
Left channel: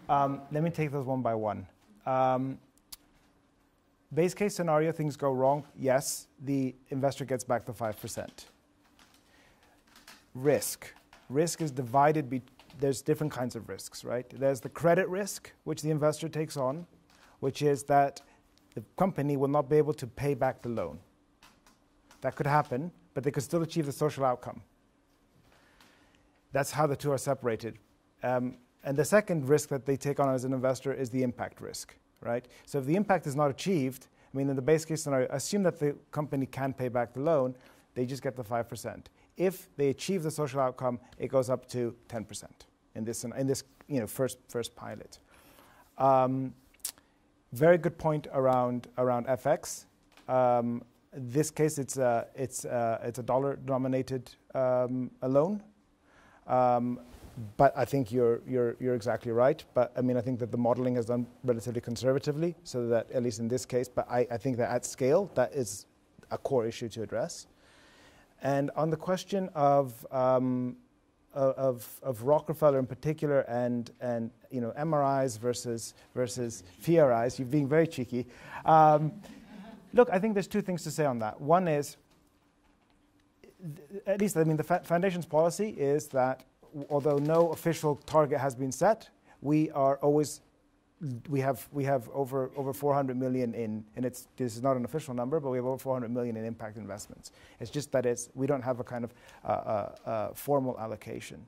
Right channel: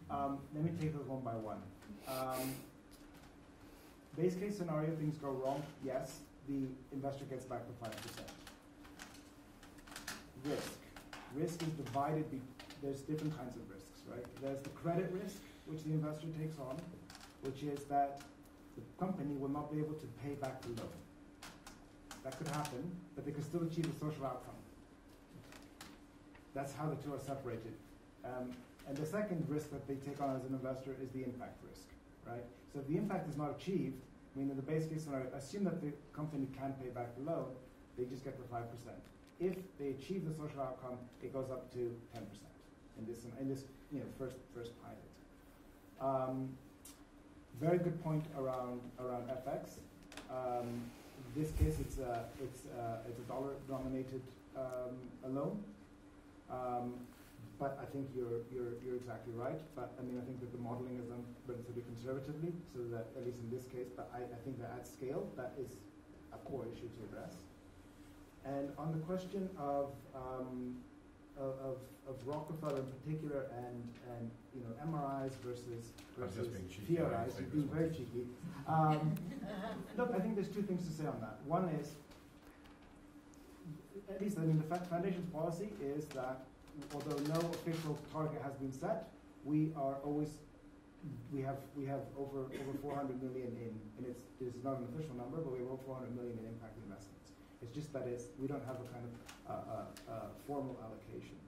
questions. Let me take those one by one. Base case scenario, things go wrong. Yes, the investor gets back the 5%. Risk. Risk is divided. There's different kinds of risks, right? There's the credit risk, which the investor takes on, which is that the company will not be able to pay back the loan. That could happen, but they could still achieve the social outcome. That's how the two are separated. And the second risk that they take on as an investor is the impact risk, right? So if the impact is not achieved, I mean, in the base case scenario, assume that the company can pay back the loan, they just get the 5%. If they achieve the social outcome, it goes up to 10% in this first pilot. Very good point around FX. This case, it's a dollar-denominated loan. But I think you're exactly right. But I mean, I think that the modeling is done relatively conservatively, so that at least in this case. But I think that at scale, that is a core issue to address. And on the question of Rockefeller in particular, and MRIs versus FRIs, you're being very cheeky. Look, I think there's two things to say on that. One is, at least, I mean, the Foundation's policy is that although no official target has been set, we have over 400 million in, and this is not an official number, but we have over 400 million in impact investments. It's just that we don't have a kind of formal allocation.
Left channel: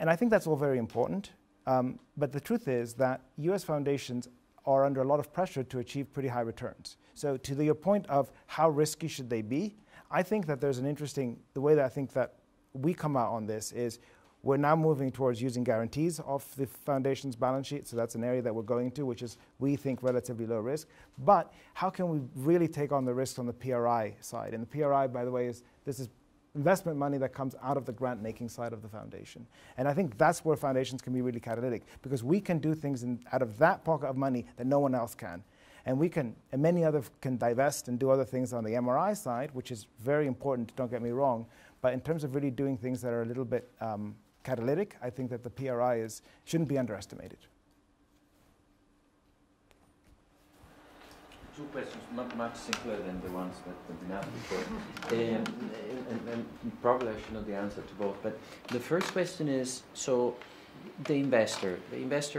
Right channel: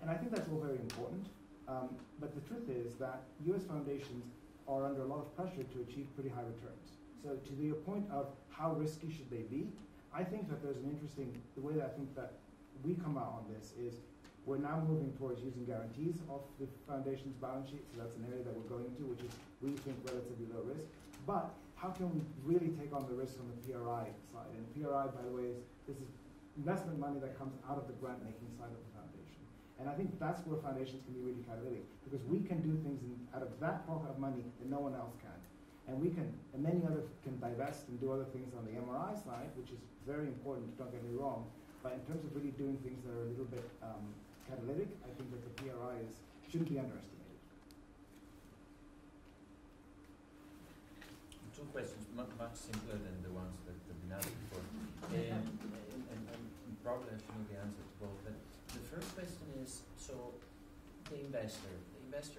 And I think that's all very important. But the truth is that US foundations are under a lot of pressure to achieve pretty high returns. So to your point of how risky should they be, I think that there's an interesting, the way that I think that we come out on this is we're now moving towards using guarantees off the foundation's balance sheet. So that's an area that we're going to, which is, we think, relatively low risk. But how can we really take on the risk on the PRI side? And the PRI, by the way, this is investment money that comes out of the grant-making side of the foundation. And I think that's where foundations can be really catalytic, because we can do things out of that pocket of money that no one else can. And we can, and many others can divest and do other things on the MRI side, which is very important, don't get me wrong. But in terms of really doing things that are a little bit catalytic, I think that the PRI shouldn't be underestimated. Two questions, much simpler than the ones that have been asked before. and probably I should know the answer to both. But the first question is, so the investor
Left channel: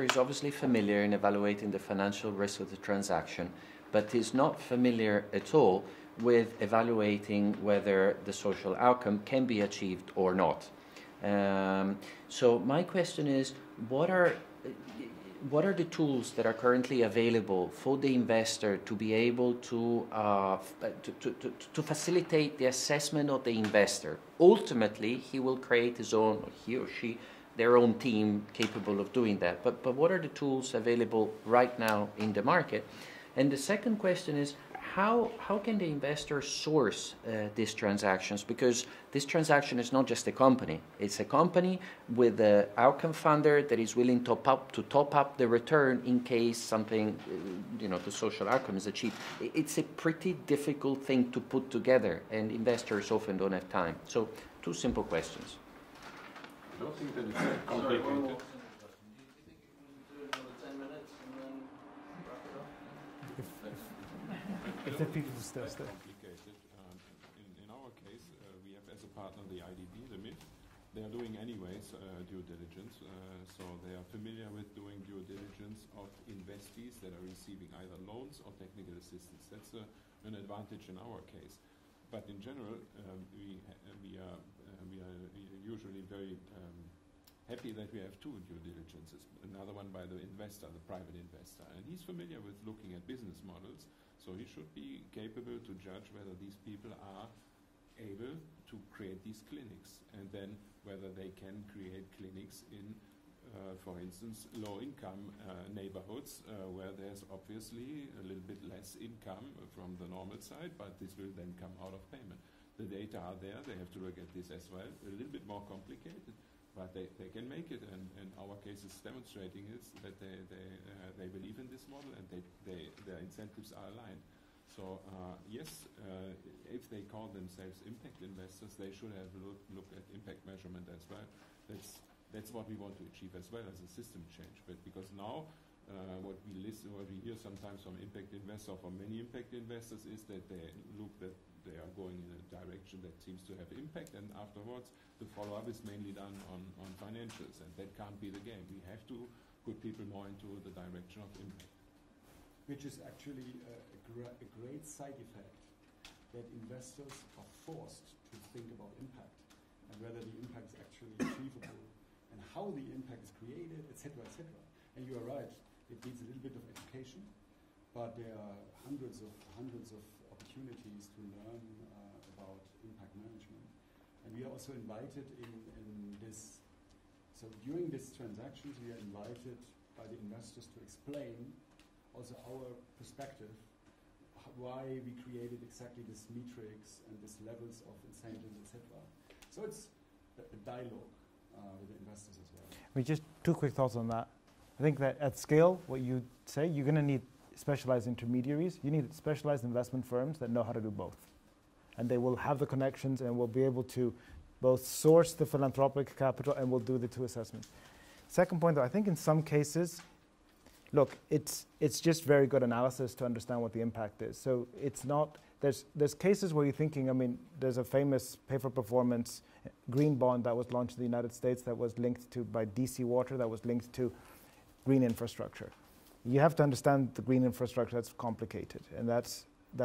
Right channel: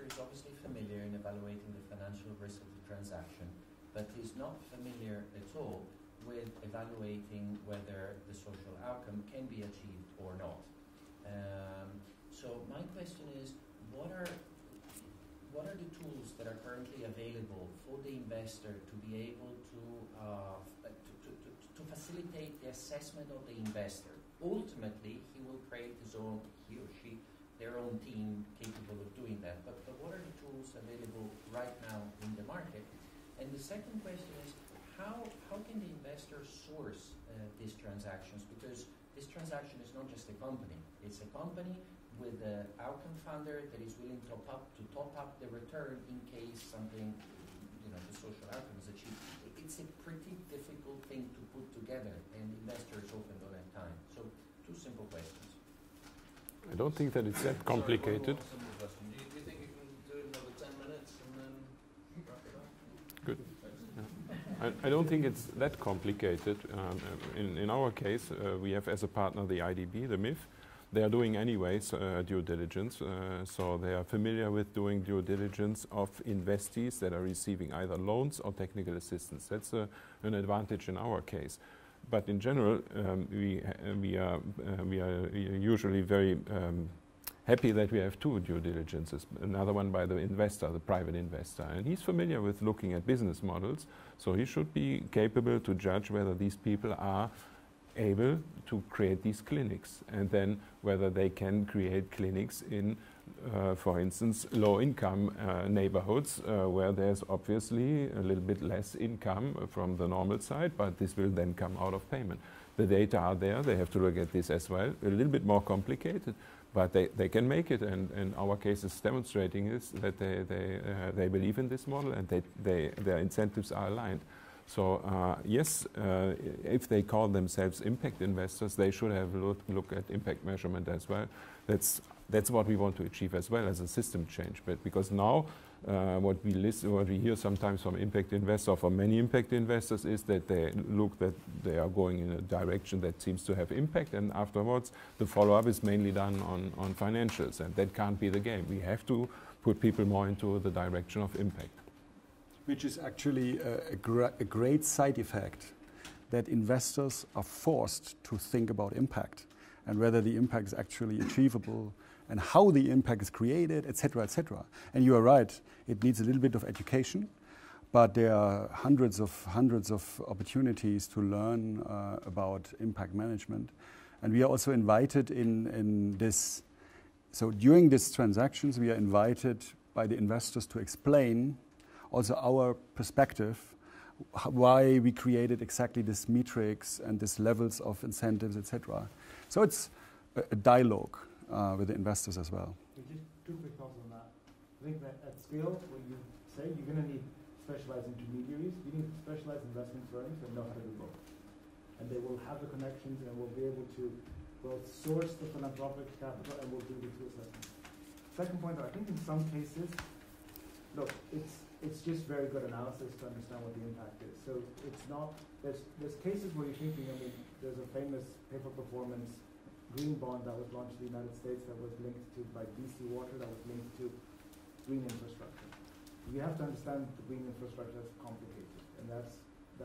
is obviously familiar in evaluating the financial risk of the transaction, but is not familiar at all with evaluating whether the social outcome can be achieved or not. So my question is, what are the tools that are currently available for the investor to be able to facilitate the assessment of the investor? Ultimately, he will create his own, or he or she, their own team capable of doing that. But what are the tools available right now in the market? And the second question is, how can the investor source these transactions? Because this transaction is not just a company. It's a company with an outcome funder that is willing to top up the return in case something, the social outcome is achieved. It's a pretty difficult thing to put together, and investors often don't have time. So, two simple questions. I don't think that it's that complicated. Do you think you can do another 10 minutes and then wrap it up? Good. I don't think it's that complicated. In our case, we have as a partner the IDB, the MIF. They are doing anyways due diligence, so they are familiar with doing due diligence of investees that are receiving either loans or technical assistance. That's an advantage in our case. But in general, we are usually very happy that we have two due diligences, another one by the investor, the private investor. And he's familiar with looking at business models, so he should be capable to judge whether these people are able to create these clinics, and then whether they can create clinics in, for instance, low-income neighborhoods where there's obviously a little bit less income from the normal side, but this will then come out of payment. The data are there, they have to look at this as well. A little bit more complicated, but they can make it, and our case is demonstrating is that they believe in this model, and their incentives are aligned. So yes, if they call themselves impact investors, they should have a look at impact measurement as well. That's what we want to achieve as well as a system change. But because now what we hear sometimes from impact investors, from many impact investors, is that they look that they are going in a direction that seems to have impact, and afterwards the follow-up is mainly done on financials, and that can't be the game. We have to put people more into the direction of impact. Which is actually a great side effect, that investors are forced to think about impact and whether the impact is actually achievable and how the impact is created, etc., etc. And you are right, it needs a little bit of education, but there are hundreds of opportunities to learn about impact management. And we are also invited in this, so during these transactions, we are invited by the investors to explain also our perspective, why we created exactly this matrix and these levels of incentives, etc. So it's a dialogue with the investors as well. Just two quick thoughts on that. I think that at scale, what you say, you're going to need specialized intermediaries. You need specialized investment firms that know how to do both. And they will have the connections and will be able to both source the philanthropic capital and will do the two assessments. Second point, though, I think in some cases, look, it's just very good analysis to understand what the impact is. So it's not, there's cases where you're thinking, I mean, there's a famous pay-for-performance green bond that was launched in the United States that was linked to, by DC Water, that was linked to green infrastructure. You have to understand the green infrastructure, that's complicated. And that's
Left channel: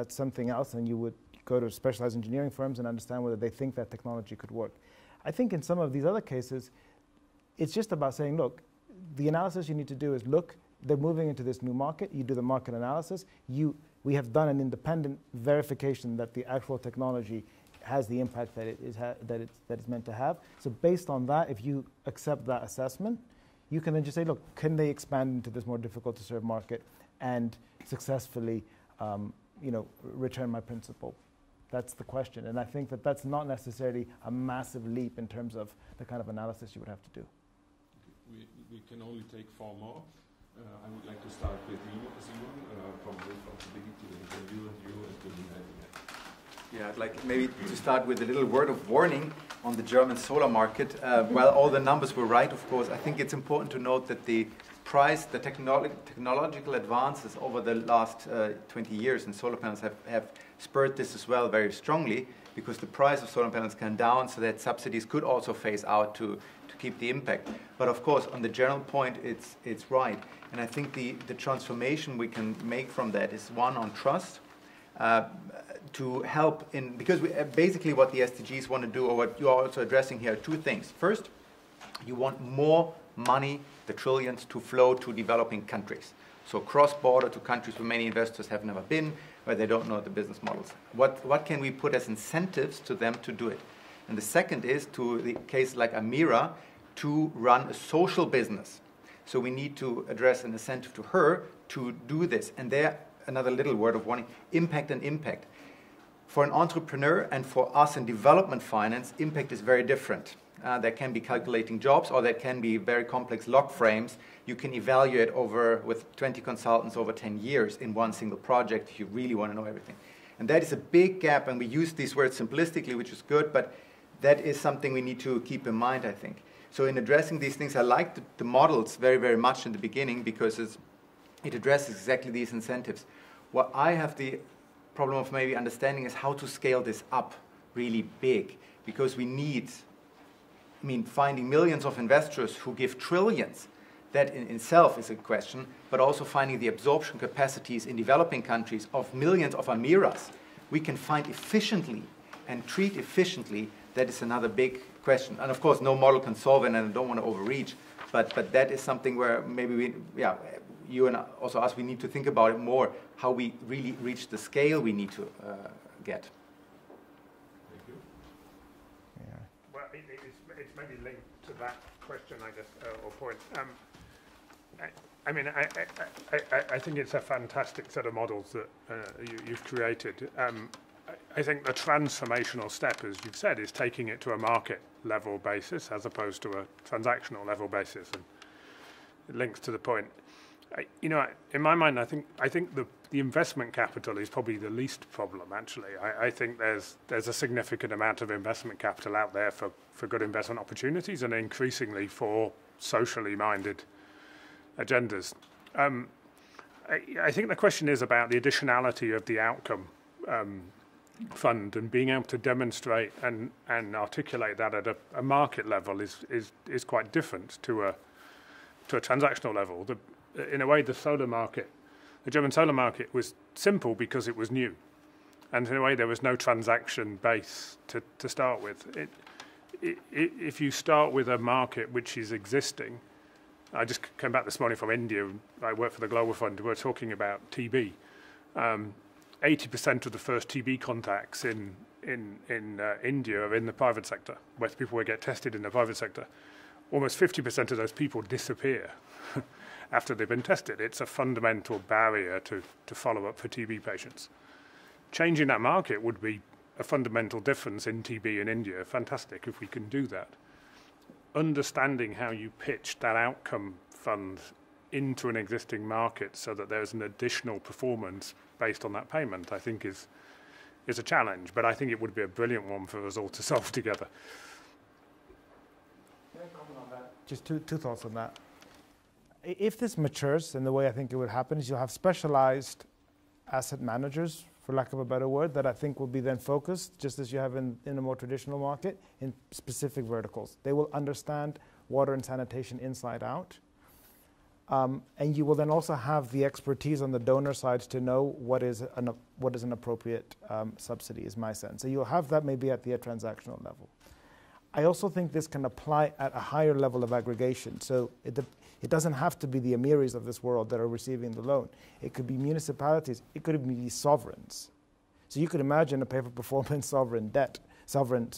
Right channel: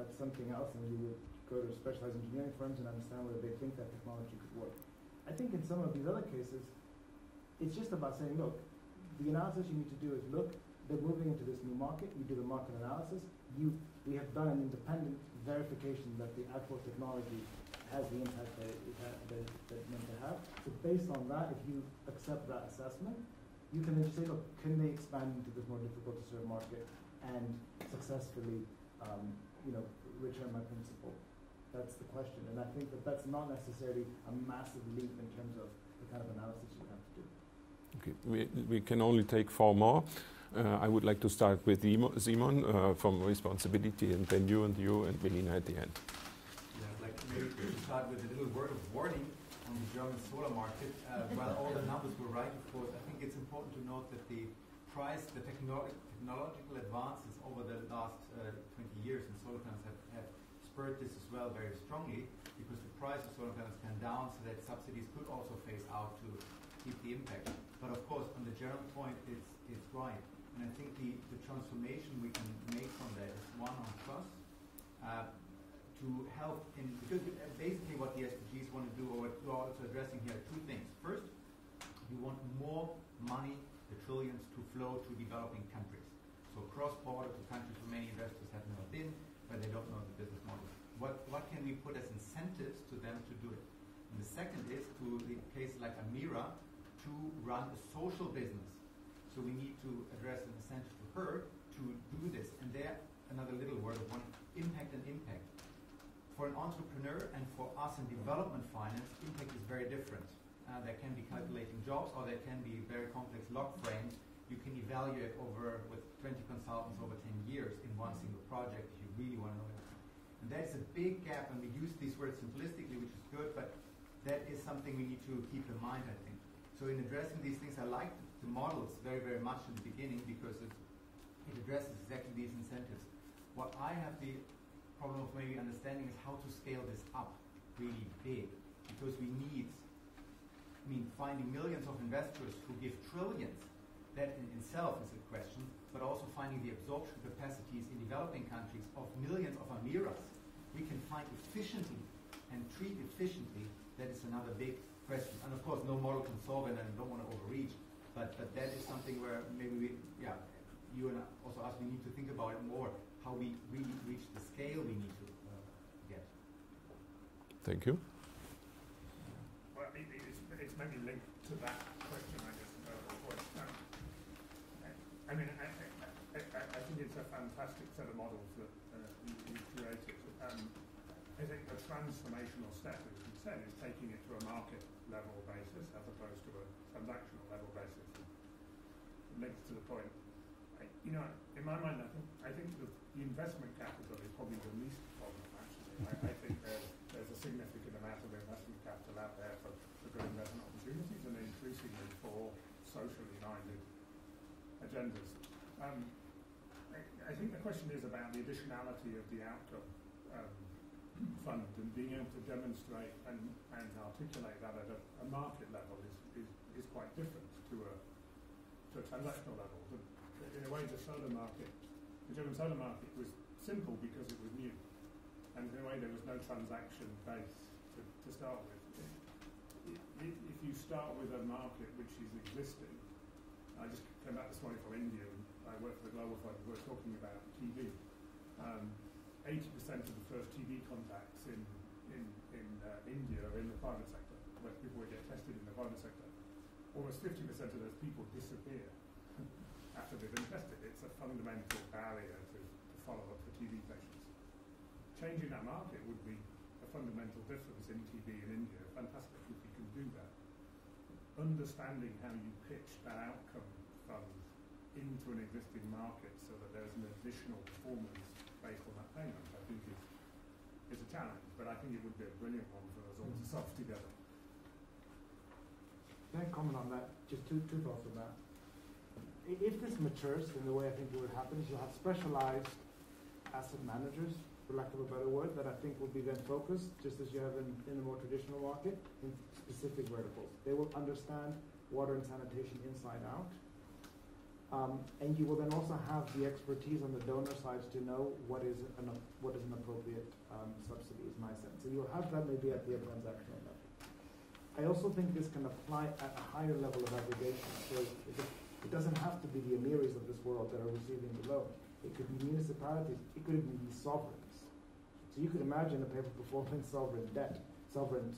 something else, and you would go to specialized engineering firms and understand whether they think that technology could work. I think in some of these other cases, it's just about saying, look, the analysis you need to do is look, they're moving into this new market. You do the market analysis. We have done an independent verification that the actual technology has the impact that it's meant to have. So based on that, if you accept that assessment, you can then just say, look, can they expand into this more difficult to serve market and successfully, return my principal? That's the question. And I think that that's not necessarily a massive leap in terms of the kind of analysis you would have to do. Okay. We can only take 4 more. I would like to start with Simon from responsibility, and then you and Bernice at the end. Yeah, I'd like maybe to start with a little word of warning on the German solar market. While all the numbers were right, of course, I think it's important to note that the technological advances over the last 20 years in solar panels have spurred this as well very strongly, because the price of solar panels came down, so that subsidies could also phase out to keep the impact. But of course, on the general point, it's right. And I think the transformation we can make from that is one on trust, to help in, because basically what the SDGs want to do, or what you are also addressing here, are 2 things. First, you want more money, the trillions, to flow to developing countries. So cross-border to countries where many investors have never been, where they don't know the business models. What can we put as incentives to them to do it? And the second is, to the case like Amira, to run a social business. So we need to address an incentive to her to do this. And there, another little word of warning, impact and impact. For an entrepreneur and for us in development finance, impact is very different. There can be calculating jobs, or there can be very complex log frames. You can evaluate with 20 consultants over 10 years in one single project if you really want to know everything. And that is a big gap, and we use these words simplistically, which is good, but that is something we need to keep in mind, I think. So in addressing these things, I liked the models very, very much in the beginning, because it addresses exactly these incentives. What I have the problem of maybe understanding is how to scale this up really big, because we need, finding millions of investors who give trillions, that in itself is a question, but also finding the absorption capacities in developing countries of millions of Amiras we can find efficiently and treat efficiently, that is another big question. And of course, no model can solve it, and I don't want to overreach, but that is something where maybe you and also us, we need to think about it more, how we really reach the scale we need to get. Thank you. Well, it's maybe linked to that question, I guess, or point. I think it's a fantastic set of models that you've created. I think the transformational step, as you've said, is taking it to a market level basis as opposed to a transactional level basis, and it links to the point. In my mind, I think the investment capital is probably the least problem, actually. I think there's a significant amount of investment capital out there for good investment opportunities, and increasingly for socially minded agendas. I think the question is about the additionality of the outcome fund, and being able to demonstrate and articulate that at a market level is quite different to a transactional level. In a way, the German solar market was simple because it was new, and in a way there was no transaction base to start with. If you start with a market which is existing, I just came back this morning from India. I work for the Global Fund. We're talking about TB. 80% of the first TB contacts in India are in the private sector, where people will get tested in the private sector. Almost 50% of those people disappear after they've been tested. It's a fundamental barrier to follow up for TB patients. Changing that market would be a fundamental difference in TB in India. Fantastic if we can do that. Understanding how you pitch that outcome fund into an existing market so that there's an additional performance based on that payment, I think is a challenge, but I think it would be a brilliant one for us all to solve together. Can I comment on that? Just two thoughts on that. If this matures in the way I think it would happen, is you'll have specialized asset managers, for lack of a better word, that I think will be then focused, just as you have in a more traditional market, in specific verticals. They will understand water and sanitation inside out. And you will then also have the expertise on the donor side to know what is an appropriate subsidy, is my sense. So you'll have that maybe at the transactional level. I also think this can apply at a higher level of aggregation. So It doesn't have to be the emirs of this world that are receiving the loan. It could be municipalities. It could even be sovereigns. So you could imagine a pay-for-performance sovereign debt, sovereign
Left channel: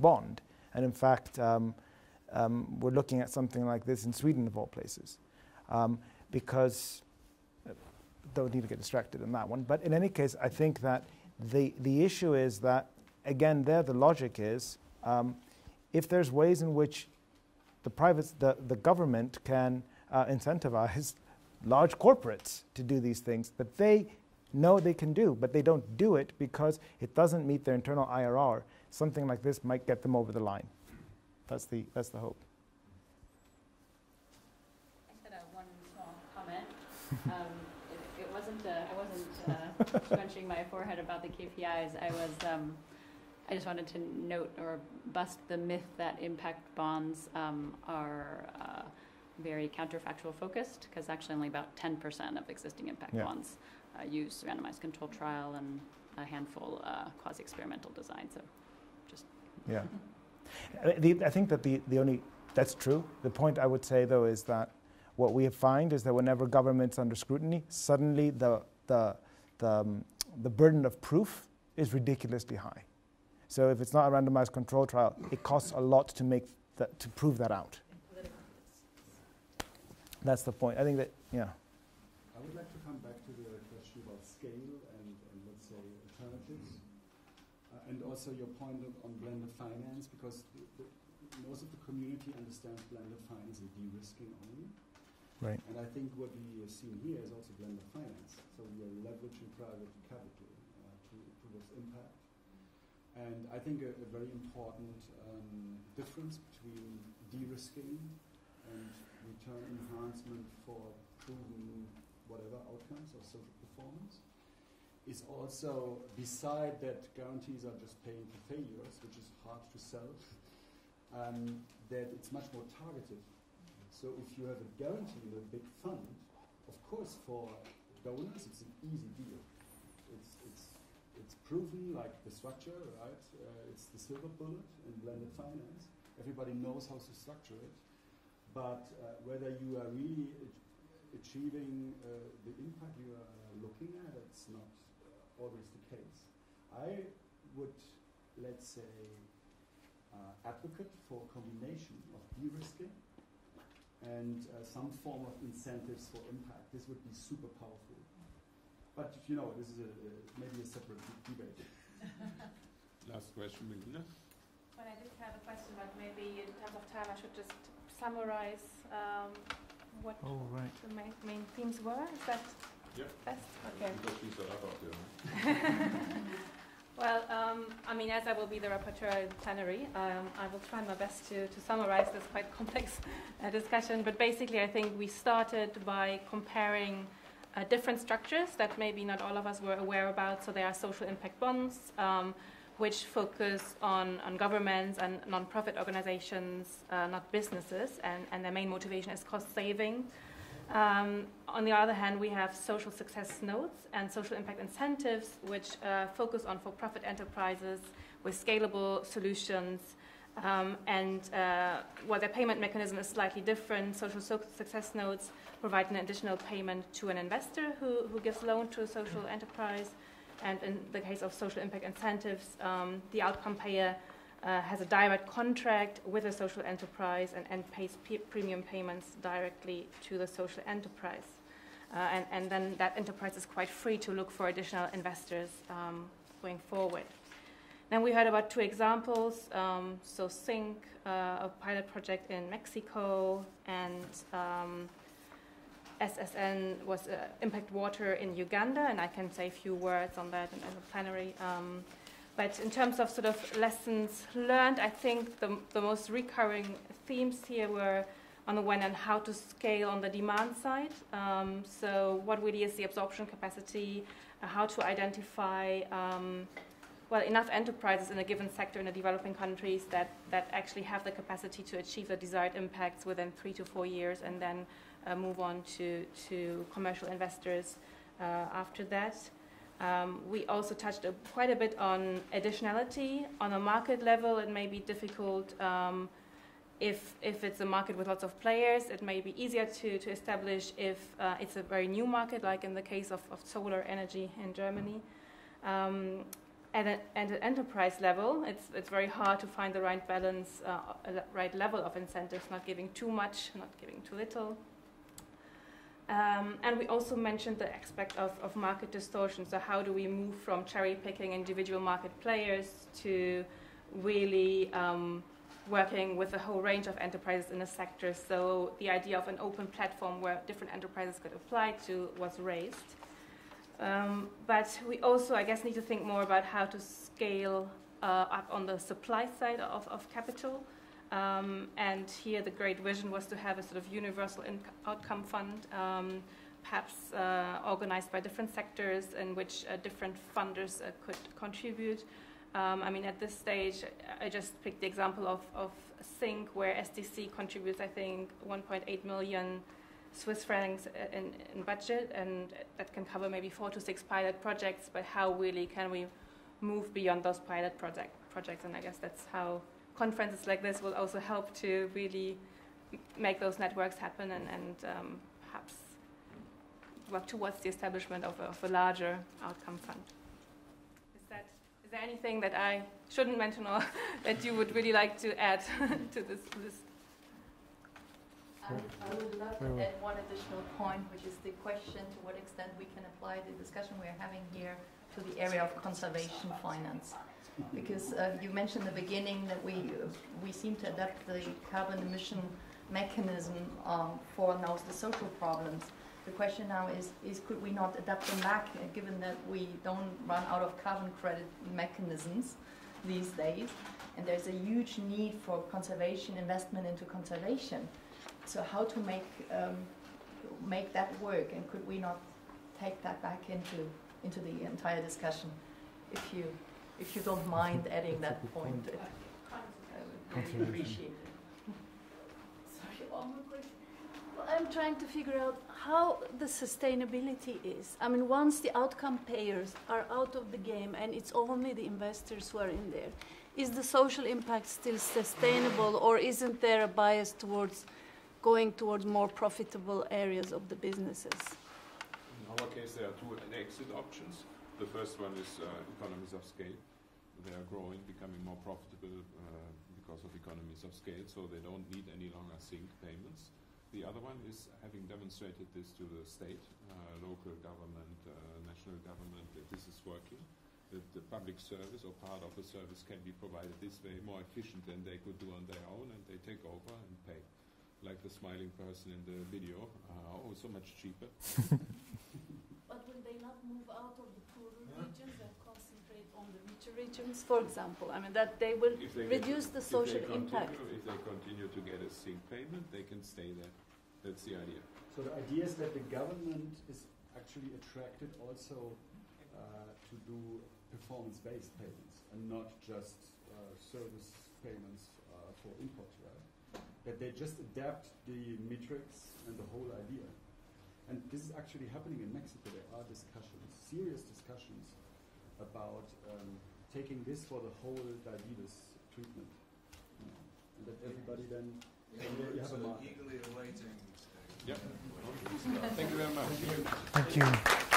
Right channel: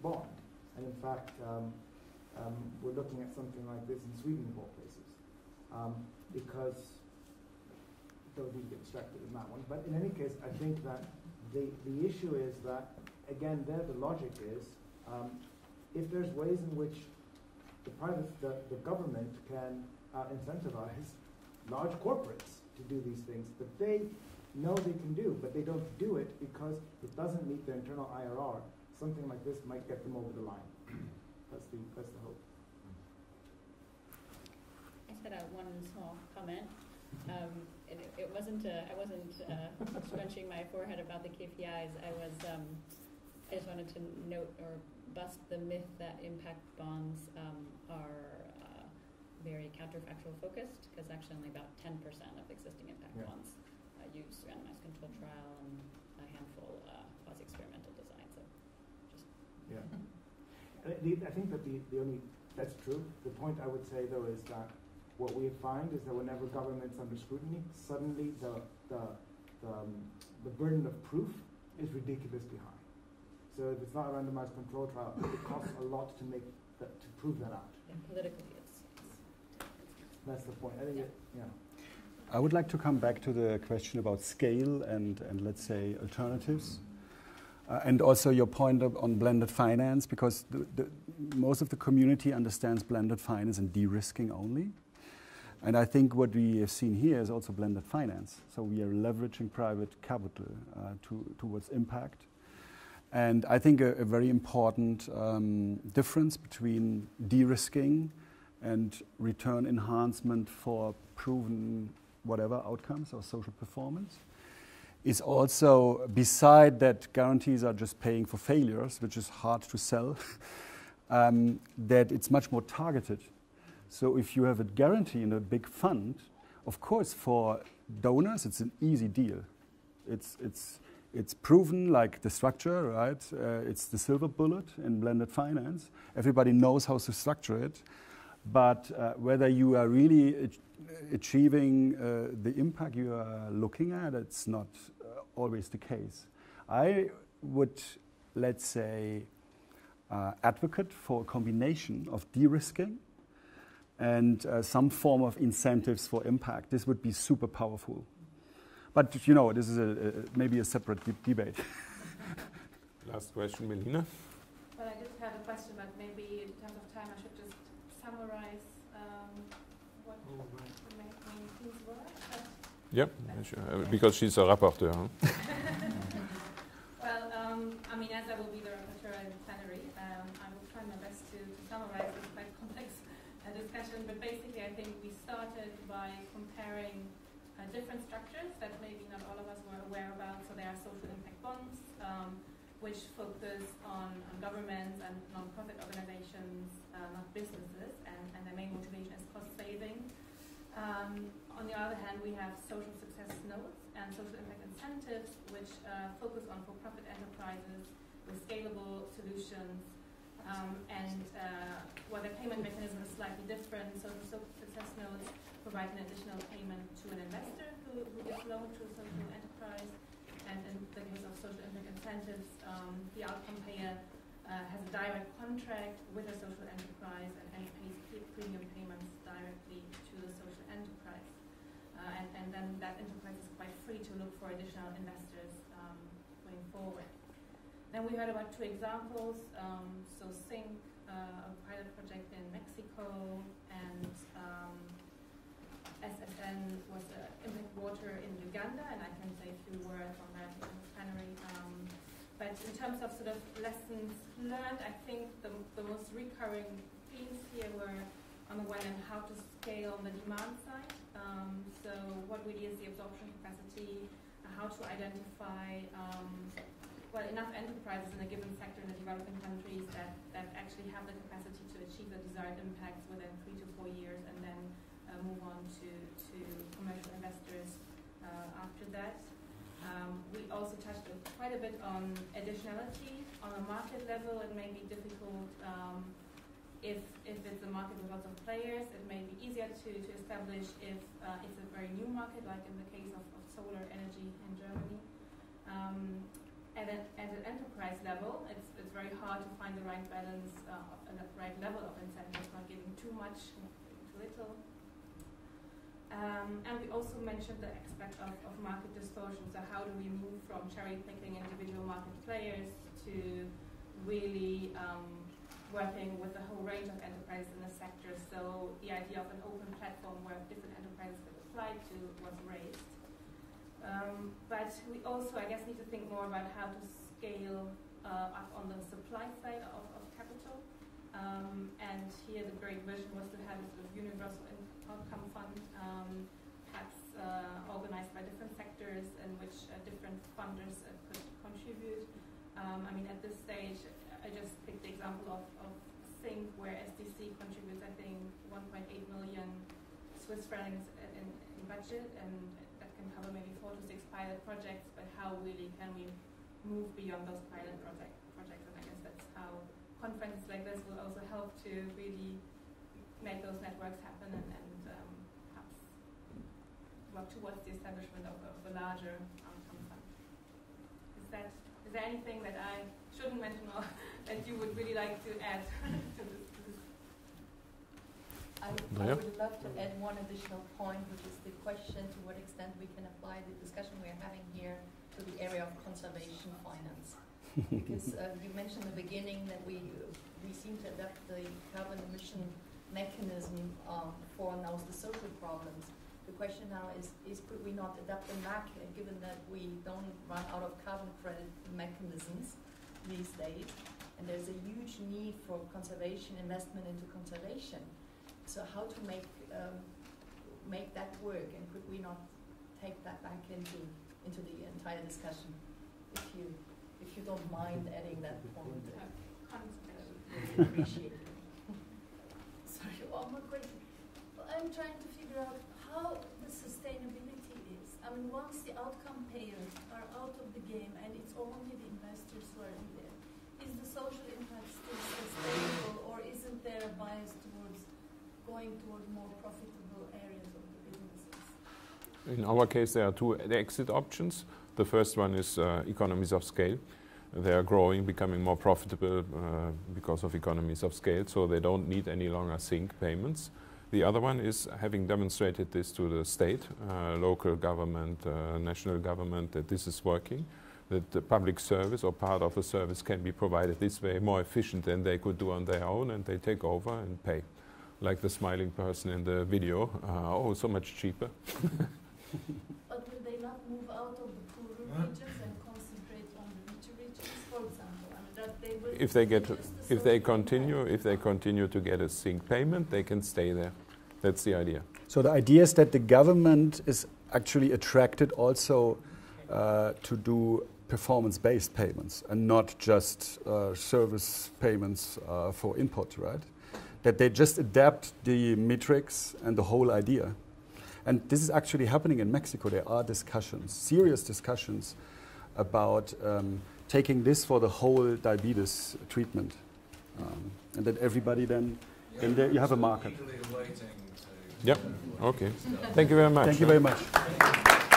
bond. And in fact, we're looking at something like this in Sweden, of all places, because don't need to get distracted on that one. But in any case, I think that the issue is that, again, there the logic is, if there's ways in which the government can incentivize large corporates to do these things that they know they can do, but they don't do it because it doesn't meet their internal IRR, something like this might get them over the line. That's the hope. I just had one small comment. It wasn't. I wasn't scrunching my forehead about the KPIs. I just wanted to note or bust the myth that impact bonds are very counterfactual focused, because actually only about 10% of existing impact bonds use randomized control trial and a handful quasi-experimental design. So, just I think that that's true. The point I would say though is that what we find is that whenever government's under scrutiny, suddenly the burden of proof is ridiculously high. So if it's not a randomized control trial, it costs a lot to prove that out. Politically, that's the point. I think that, I would like to come back to the question about scale and let's say alternatives. And also your point on blended finance, because most of the community understands blended finance and de-risking only. Right. And I think what we have seen here is also blended finance. So we are leveraging private capital towards impact. And I think a very important difference between de-risking and return enhancement for proven whatever outcomes or social performance is also, beside that guarantees are just paying for failures, which is hard to sell, that it's much more targeted. So if you have a guarantee in a big fund, of course for donors it's an easy deal. It's proven, like the structure, right? It's the silver bullet in blended finance. Everybody knows how to structure it. But whether you are really achieving the impact you are looking at, it's not always the case. I would, let's say, advocate for a combination of de-risking and some form of incentives for impact. This would be super powerful. But this is maybe a separate debate. Last question, Melina. Well, I did have a question, but maybe in terms of time I should just summarize what the main themes were. Is that Yep, sure. Because she's a rapporteur. Huh? Well, I mean, as I will be the rapporteur in plenary, I will try my best to summarize this quite complex discussion. But basically, I think we started by comparing different structures that maybe not all of us were aware about. So there are social impact bonds, which focus on governments and non-profit organizations, not businesses, and their main motivation is cost saving. On the other hand, we have social success notes and social impact incentives, which focus on for-profit enterprises with scalable solutions. While their payment mechanism is slightly different, social success notes provide an additional payment to an investor who gives loan to a social enterprise. And in the case of social impact incentives, the outcome payer has a direct contract with a social enterprise and pays premium payments directly to the social enterprise. And then that enterprise is quite free to look for additional investors going forward. Then we heard about two examples. So SYNC, a pilot project in Mexico, and SSN was Impact Water in Uganda, and I can say a few words on that in the plenary. But in terms of sort of lessons learned, I think the most recurring themes here were, on the one hand, how to scale on the demand side. So what really is the absorption capacity, how to identify enough enterprises in a given sector in the developing countries that actually have the capacity to achieve the desired impacts within 3 to 4 years, and then move on to commercial investors after that. We also touched quite a bit on additionality. On a market level, it may be difficult If it's a market with lots of players, it may be easier to establish. If it's a very new market, like in the case of solar energy in Germany. At an enterprise level, it's very hard to find the right balance, the right level of incentives, not giving too much, not giving too little. And we also mentioned the aspect of market distortion. So how do we move from cherry-picking individual market players to really working with a whole range of enterprises in a sector? So the idea of an open platform where different enterprises could apply to was raised. But we also, I guess, need to think more about how to scale up on the supply side of capital. And here the great vision was to have a sort of universal outcome fund, perhaps organized by different sectors in which different funders could contribute. I mean, at this stage, I just picked the example of SYNC, where SDC contributes, I think, 1.8 million Swiss francs in budget, and that can cover maybe 4 to 6 pilot projects. But how really can we move beyond those pilot projects? And I guess that's how conferences like this will also help to really make those networks happen and perhaps work towards the establishment of a larger outcome fund. Is there anything that I shouldn't mention or that you would really like to add to this? I would love to add one additional point, which is the question to what extent we can apply the discussion we're having here to the area of conservation finance. Because you mentioned in the beginning that we seem to adapt the carbon emission mechanism for now the social problems. The question now is could we not adapt the MAC, given that we don't run out of carbon credit mechanisms these days, and there's a huge need for conservation, investment into conservation. So how to make that work, and could we not take that back into the entire discussion? If you don't mind adding that point, I would really appreciate it. Sorry, one more question. Well, I'm trying to figure out how the sustainability is. I mean, once the outcome payers are out of the game and it's only the investors who are in there, is the social impact still sustainable, or isn't there a bias towards going towards more profitable areas of the businesses? In our case, there are two exit options. The first one is economies of scale. They are growing, becoming more profitable because of economies of scale, so they don't need any longer SYNC payments. The other one is having demonstrated this to the state, local government, national government, that this is working, that the public service or part of the service can be provided this way more efficient than they could do on their own, and they take over and pay. Like the smiling person in the video, oh, so much cheaper. But will they not move out of the poorer regions and concentrate on the richer regions, for example? I mean, that they will reduce the social impact. If they continue to get a SYNC payment, they can stay there. That's the idea. So the idea is that the government is actually attracted also to do performance-based payments and not just service payments for input, right? That they just adapt the metrics and the whole idea. And this is actually happening in Mexico. There are discussions, serious discussions, about taking this for the whole diabetes treatment. And that everybody then there you have a market. Yep, okay. Thank you very much. Thank you very much. Thank you.